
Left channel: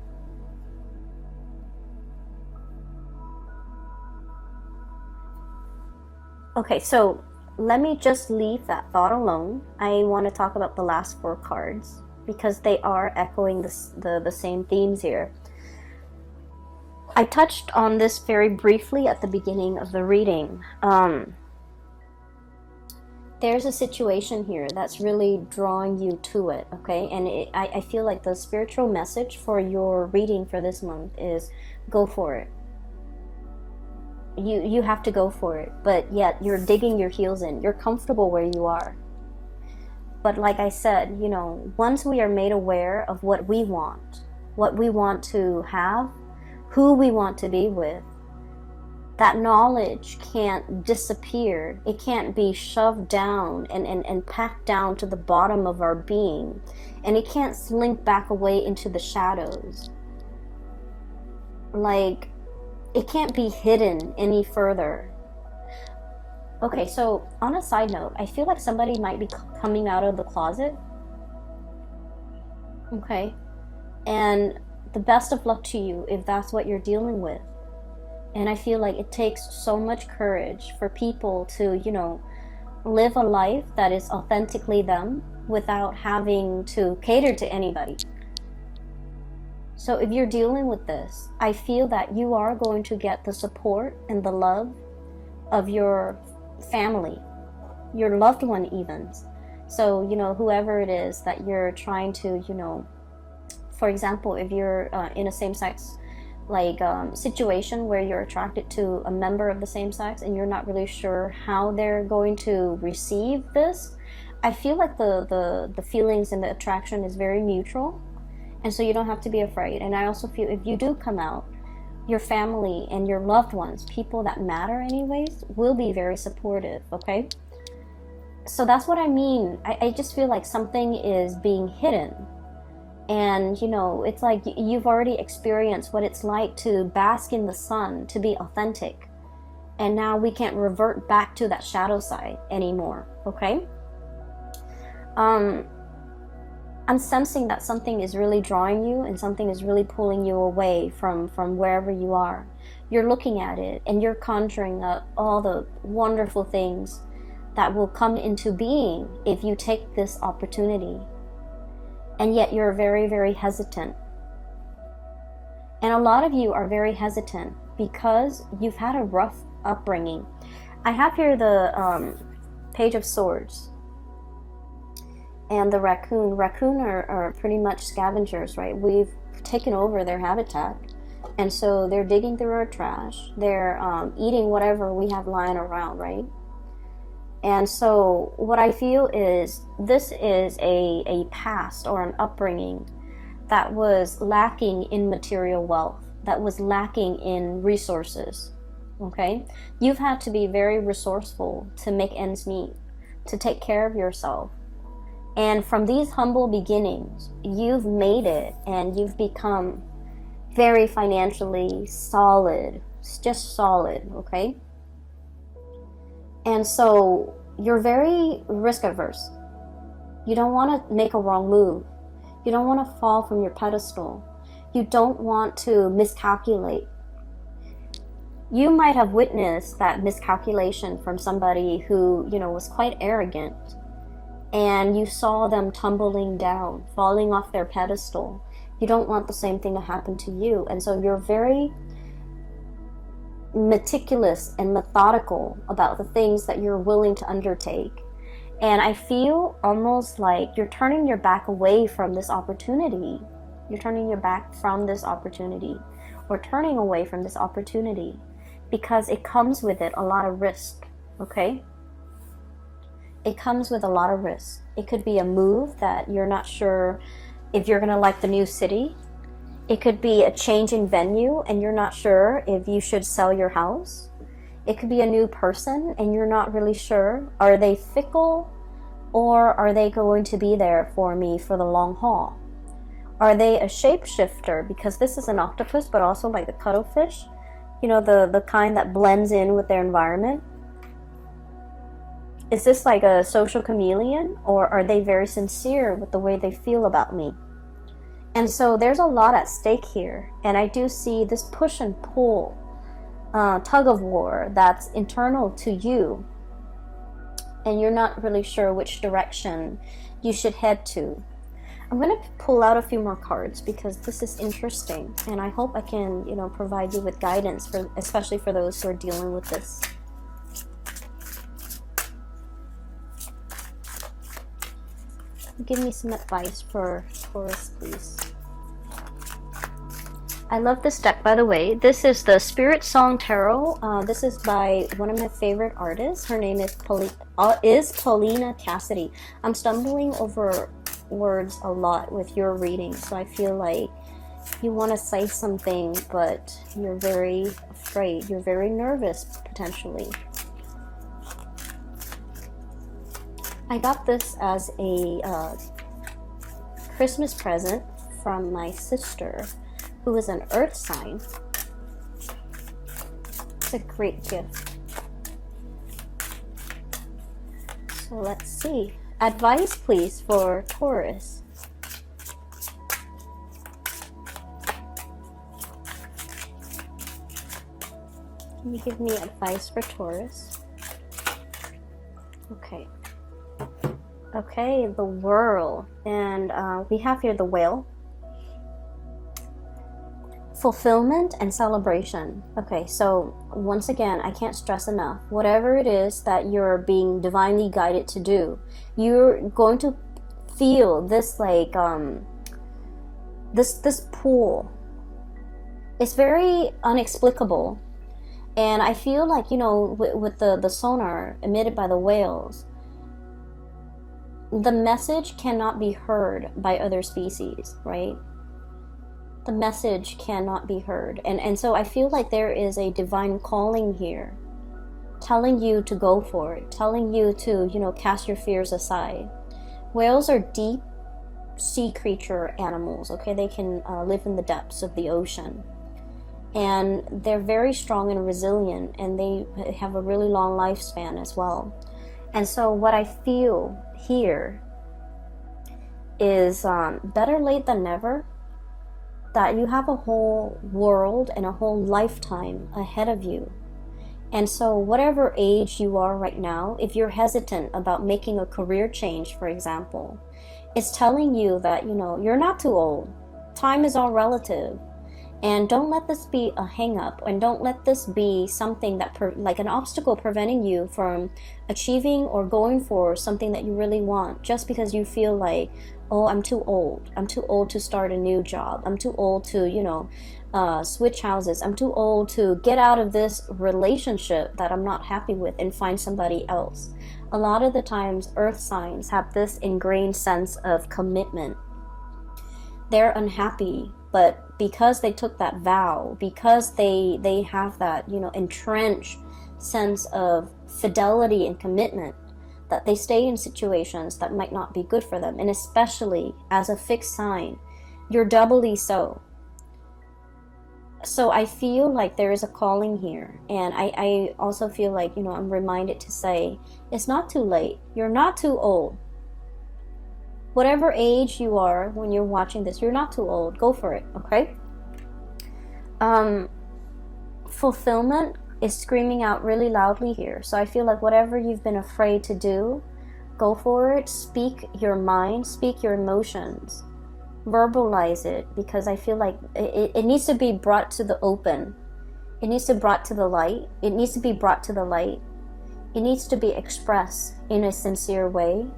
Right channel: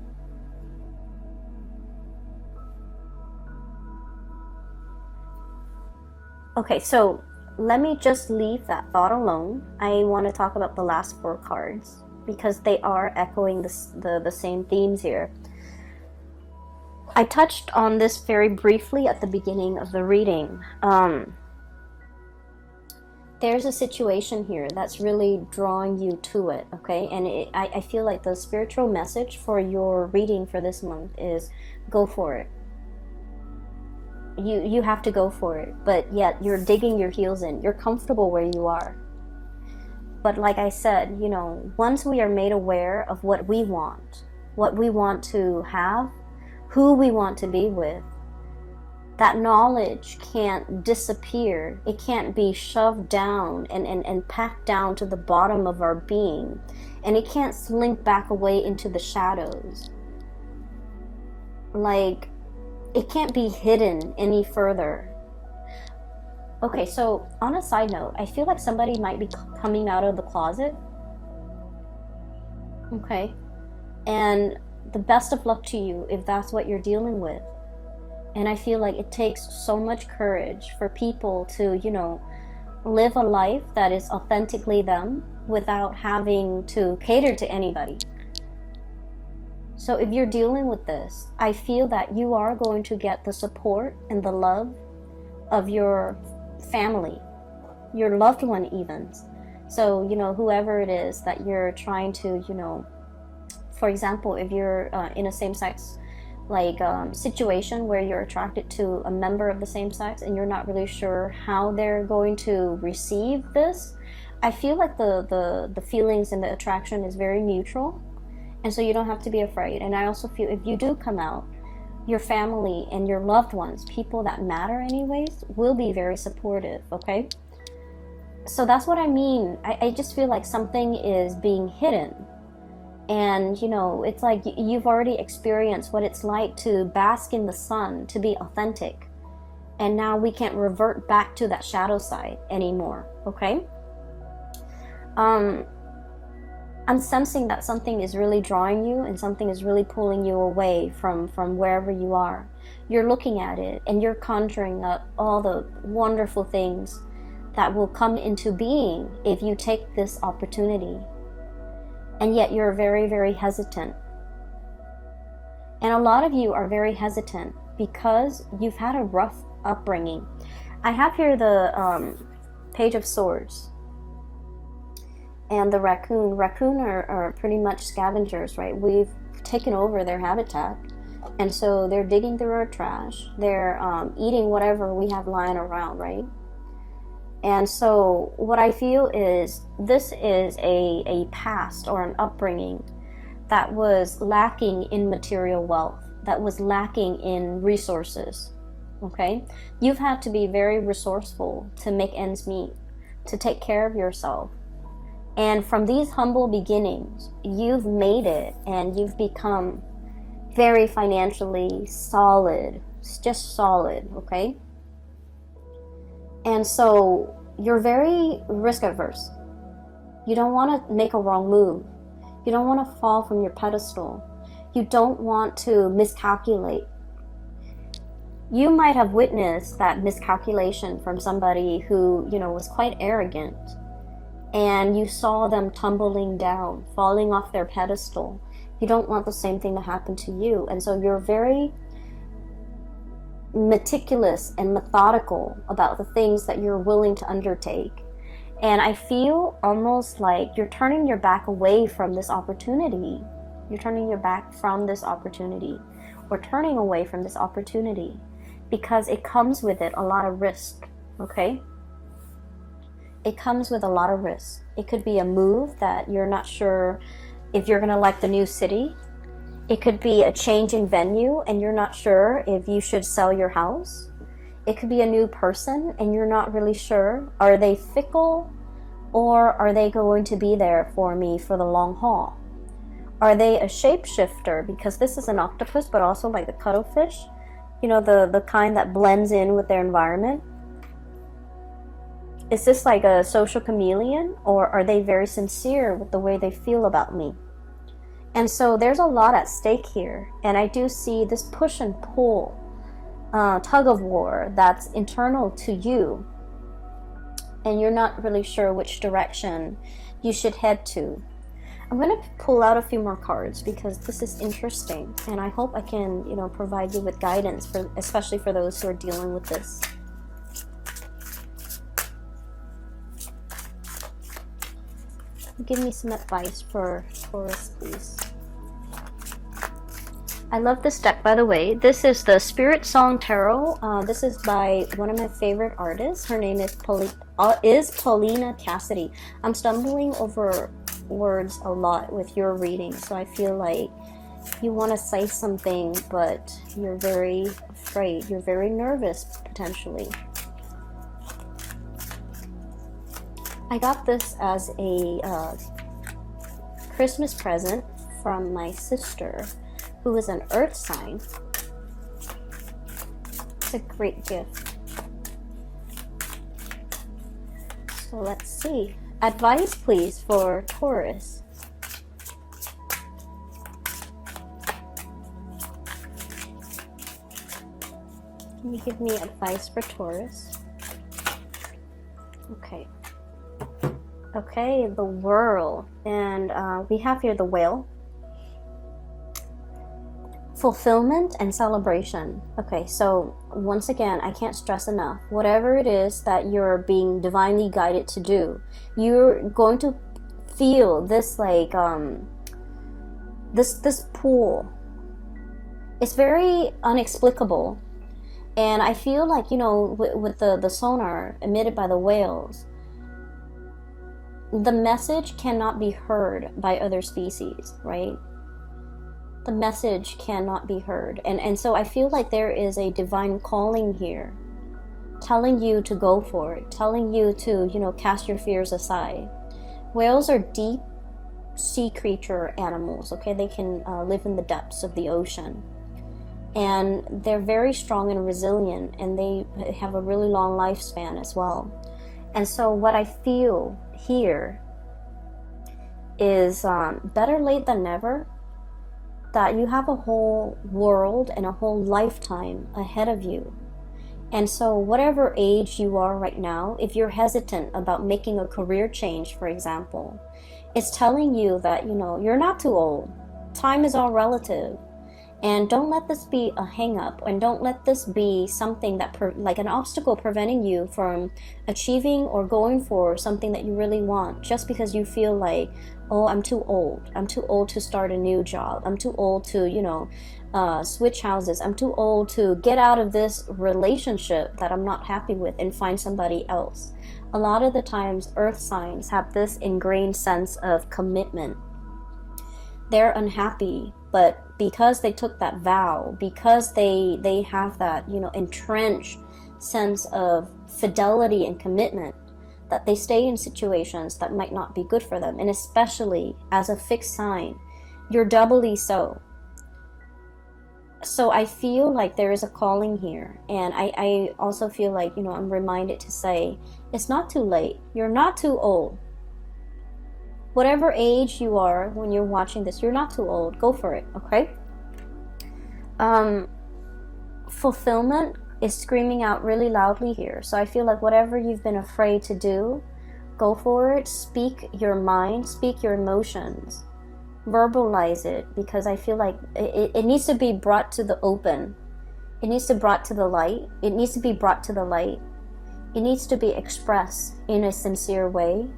Okay, so let me just leave that thought alone. I want to talk about the last 4 cards, because they are echoing the same themes here. I touched on this very briefly at the beginning of the reading. There's a situation here that's really drawing you to it, okay? And I feel like the spiritual message for your reading for this month is go for it. You have to go for it, but yet you're digging your heels in. You're comfortable where you are. But like I said, once we are made aware of what we want to have, who we want to be with, that knowledge can't disappear. It can't be shoved down and packed down to the bottom of our being. And it can't slink back away into the shadows. It can't be hidden any further. Okay, so on a side note, I feel like somebody might be coming out of the closet. Okay, and the best of luck to you if that's what you're dealing with. And I feel like it takes so much courage for people to, live a life that is authentically them without having to cater to anybody. So if you're dealing with this, I feel that you are going to get the support and the love of your family, your loved one even. So, whoever it is that you're trying to, for example, if you're in a same-sex situation where you're attracted to a member of the same sex and you're not really sure how they're going to receive this, I feel like the feelings and the attraction is very mutual, and so you don't have to be afraid. And I also feel if you do come out, your family and your loved ones, people that matter anyways, will be very supportive, okay? So that's what I mean. I just feel like something is being hidden. And, it's like you've already experienced what it's like to bask in the sun, to be authentic. And now we can't revert back to that shadow side anymore, okay? I'm sensing that something is really drawing you and something is really pulling you away from wherever you are. You're looking at it and you're conjuring up all the wonderful things that will come into being if you take this opportunity. And yet you're very, very hesitant. And a lot of you are very hesitant because you've had a rough upbringing. I have here the Page of Swords and the raccoon. Raccoon are pretty much scavengers, right? We've taken over their habitat, and so they're digging through our trash. They're eating whatever we have lying around, right? And so what I feel is this is a past or an upbringing that was lacking in material wealth, that was lacking in resources, okay? You've had to be very resourceful to make ends meet, to take care of yourself. And from these humble beginnings, you've made it and you've become very financially solid, just solid, okay? And so you're very risk averse. You don't want to make a wrong move. You don't want to fall from your pedestal. You don't want to miscalculate. You might have witnessed that miscalculation from somebody who, was quite arrogant, and you saw them tumbling down, falling off their pedestal. You don't want the same thing to happen to you. And so you're very meticulous and methodical about the things that you're willing to undertake. And I feel almost like you're turning your back away from this opportunity. You're turning your back from this opportunity, or turning away from this opportunity, because it comes with it a lot of risk, okay? It comes with a lot of risk. It could be a move that you're not sure if you're gonna like the new city. It could be a change in venue and you're not sure if you should sell your house. It could be a new person and you're not really sure. Are they fickle, or are they going to be there for me for the long haul? Are they a shapeshifter? Because this is an octopus, but also like the cuttlefish, the kind that blends in with their environment. Is this like a social chameleon, or are they very sincere with the way they feel about me? And so there's a lot at stake here. And I do see this push and pull, tug of war that's internal to you. And you're not really sure which direction you should head to. I'm going to pull out a few more cards because this is interesting. And I hope I can, provide you with guidance, especially for those who are dealing with this. Give me some advice for Taurus, please. I love this deck, by the way. This is the Spirit Song Tarot. This is by one of my favorite artists. Her name is Paulina Cassidy. I'm stumbling over words a lot with your reading, so I feel like you want to say something, but you're very afraid. You're very nervous, potentially. I got this as a Christmas present from my sister, who is an earth sign. It's a great gift. So let's see. Advice, please, for Taurus. Can you give me advice for Taurus? Okay. Okay, the World. And we have here the Whale. Fulfillment and celebration. Okay, so once again, I can't stress enough, whatever it is that you're being divinely guided to do, you're going to feel this like this pull. It's very inexplicable, and I feel like, with the sonar emitted by the whales, the message cannot be heard by other species, right? The message cannot be heard. And so I feel like there is a divine calling here, telling you to go for it, telling you to, cast your fears aside. Whales are deep sea creature animals, okay? They can live in the depths of the ocean. And they're very strong and resilient, and they have a really long lifespan as well. And so what I feel here is better late than never, that you have a whole world and a whole lifetime ahead of you. And so whatever age you are right now, if you're hesitant about making a career change, for example, it's telling you that, you know, you're not too old. Time is all relative. And don't let this be a hang up, and don't let this be something that like an obstacle preventing you from achieving or going for something that you really want, just because you feel like, oh, I'm too old. I'm too old to start a new job. I'm too old to, you know, switch houses. I'm too old to get out of this relationship that I'm not happy with and find somebody else. A lot of the times, earth signs have this ingrained sense of commitment. They're unhappy, but because they took that vow, because they have that, you know, entrenched sense of fidelity and commitment, that they stay in situations that might not be good for them. And especially as a fixed sign, you're doubly so. So I feel like there is a calling here. And I also feel like, you know, I'm reminded to say, it's not too late. You're not too old. Whatever age you are when you're watching this, you're not too old. Go for it, okay? Fulfillment is screaming out really loudly here. So I feel like whatever you've been afraid to do, go for it. Speak your mind, speak your emotions. Verbalize it, because I feel like it needs to be brought to the open. It needs to be brought to the light. It needs to be brought to the light. It needs to be expressed in a sincere way.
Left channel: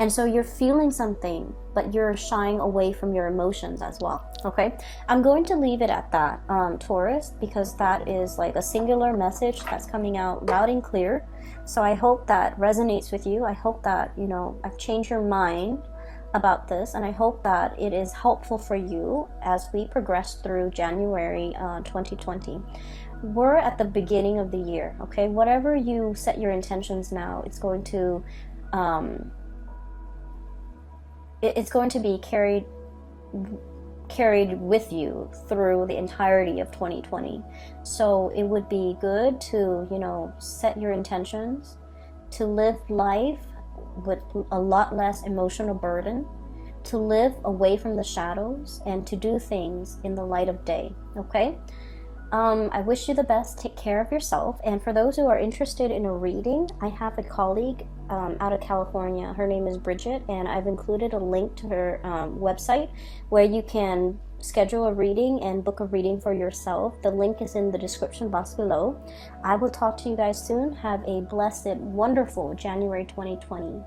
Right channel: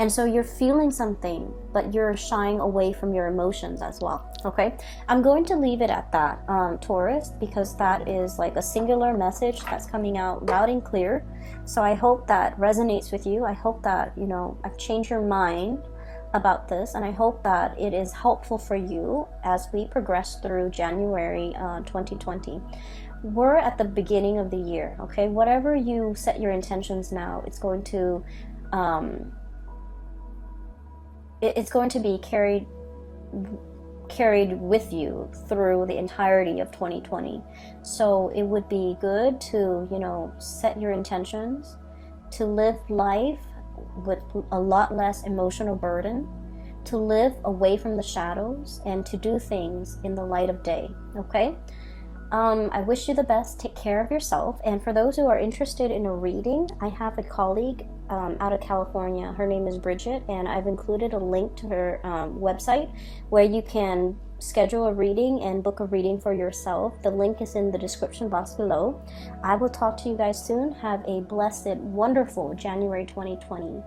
And so you're feeling something, but you're shying away from your emotions as well, okay? I'm going to leave it at that, Taurus, because that is like a singular message that's coming out loud and clear. So I hope that resonates with you. I hope that, you know, I've changed your mind about this, and I hope that it is helpful for you as we progress through January 2020. We're at the beginning of the year, okay? Whatever you set your intentions now, it's going to be carried with you through the entirety of 2020. So it would be good to, you know, set your intentions to live life with a lot less emotional burden, to live away from the shadows, and to do things in the light of day, okay? I wish you the best. Take care of yourself. And for those who are interested in a reading, I have a colleague out of California. Her name is Bridget, and I've included a link to her website where you can schedule a reading and book a reading for yourself. The link is in the description box below. I will talk to you guys soon. Have a blessed, wonderful January 2020.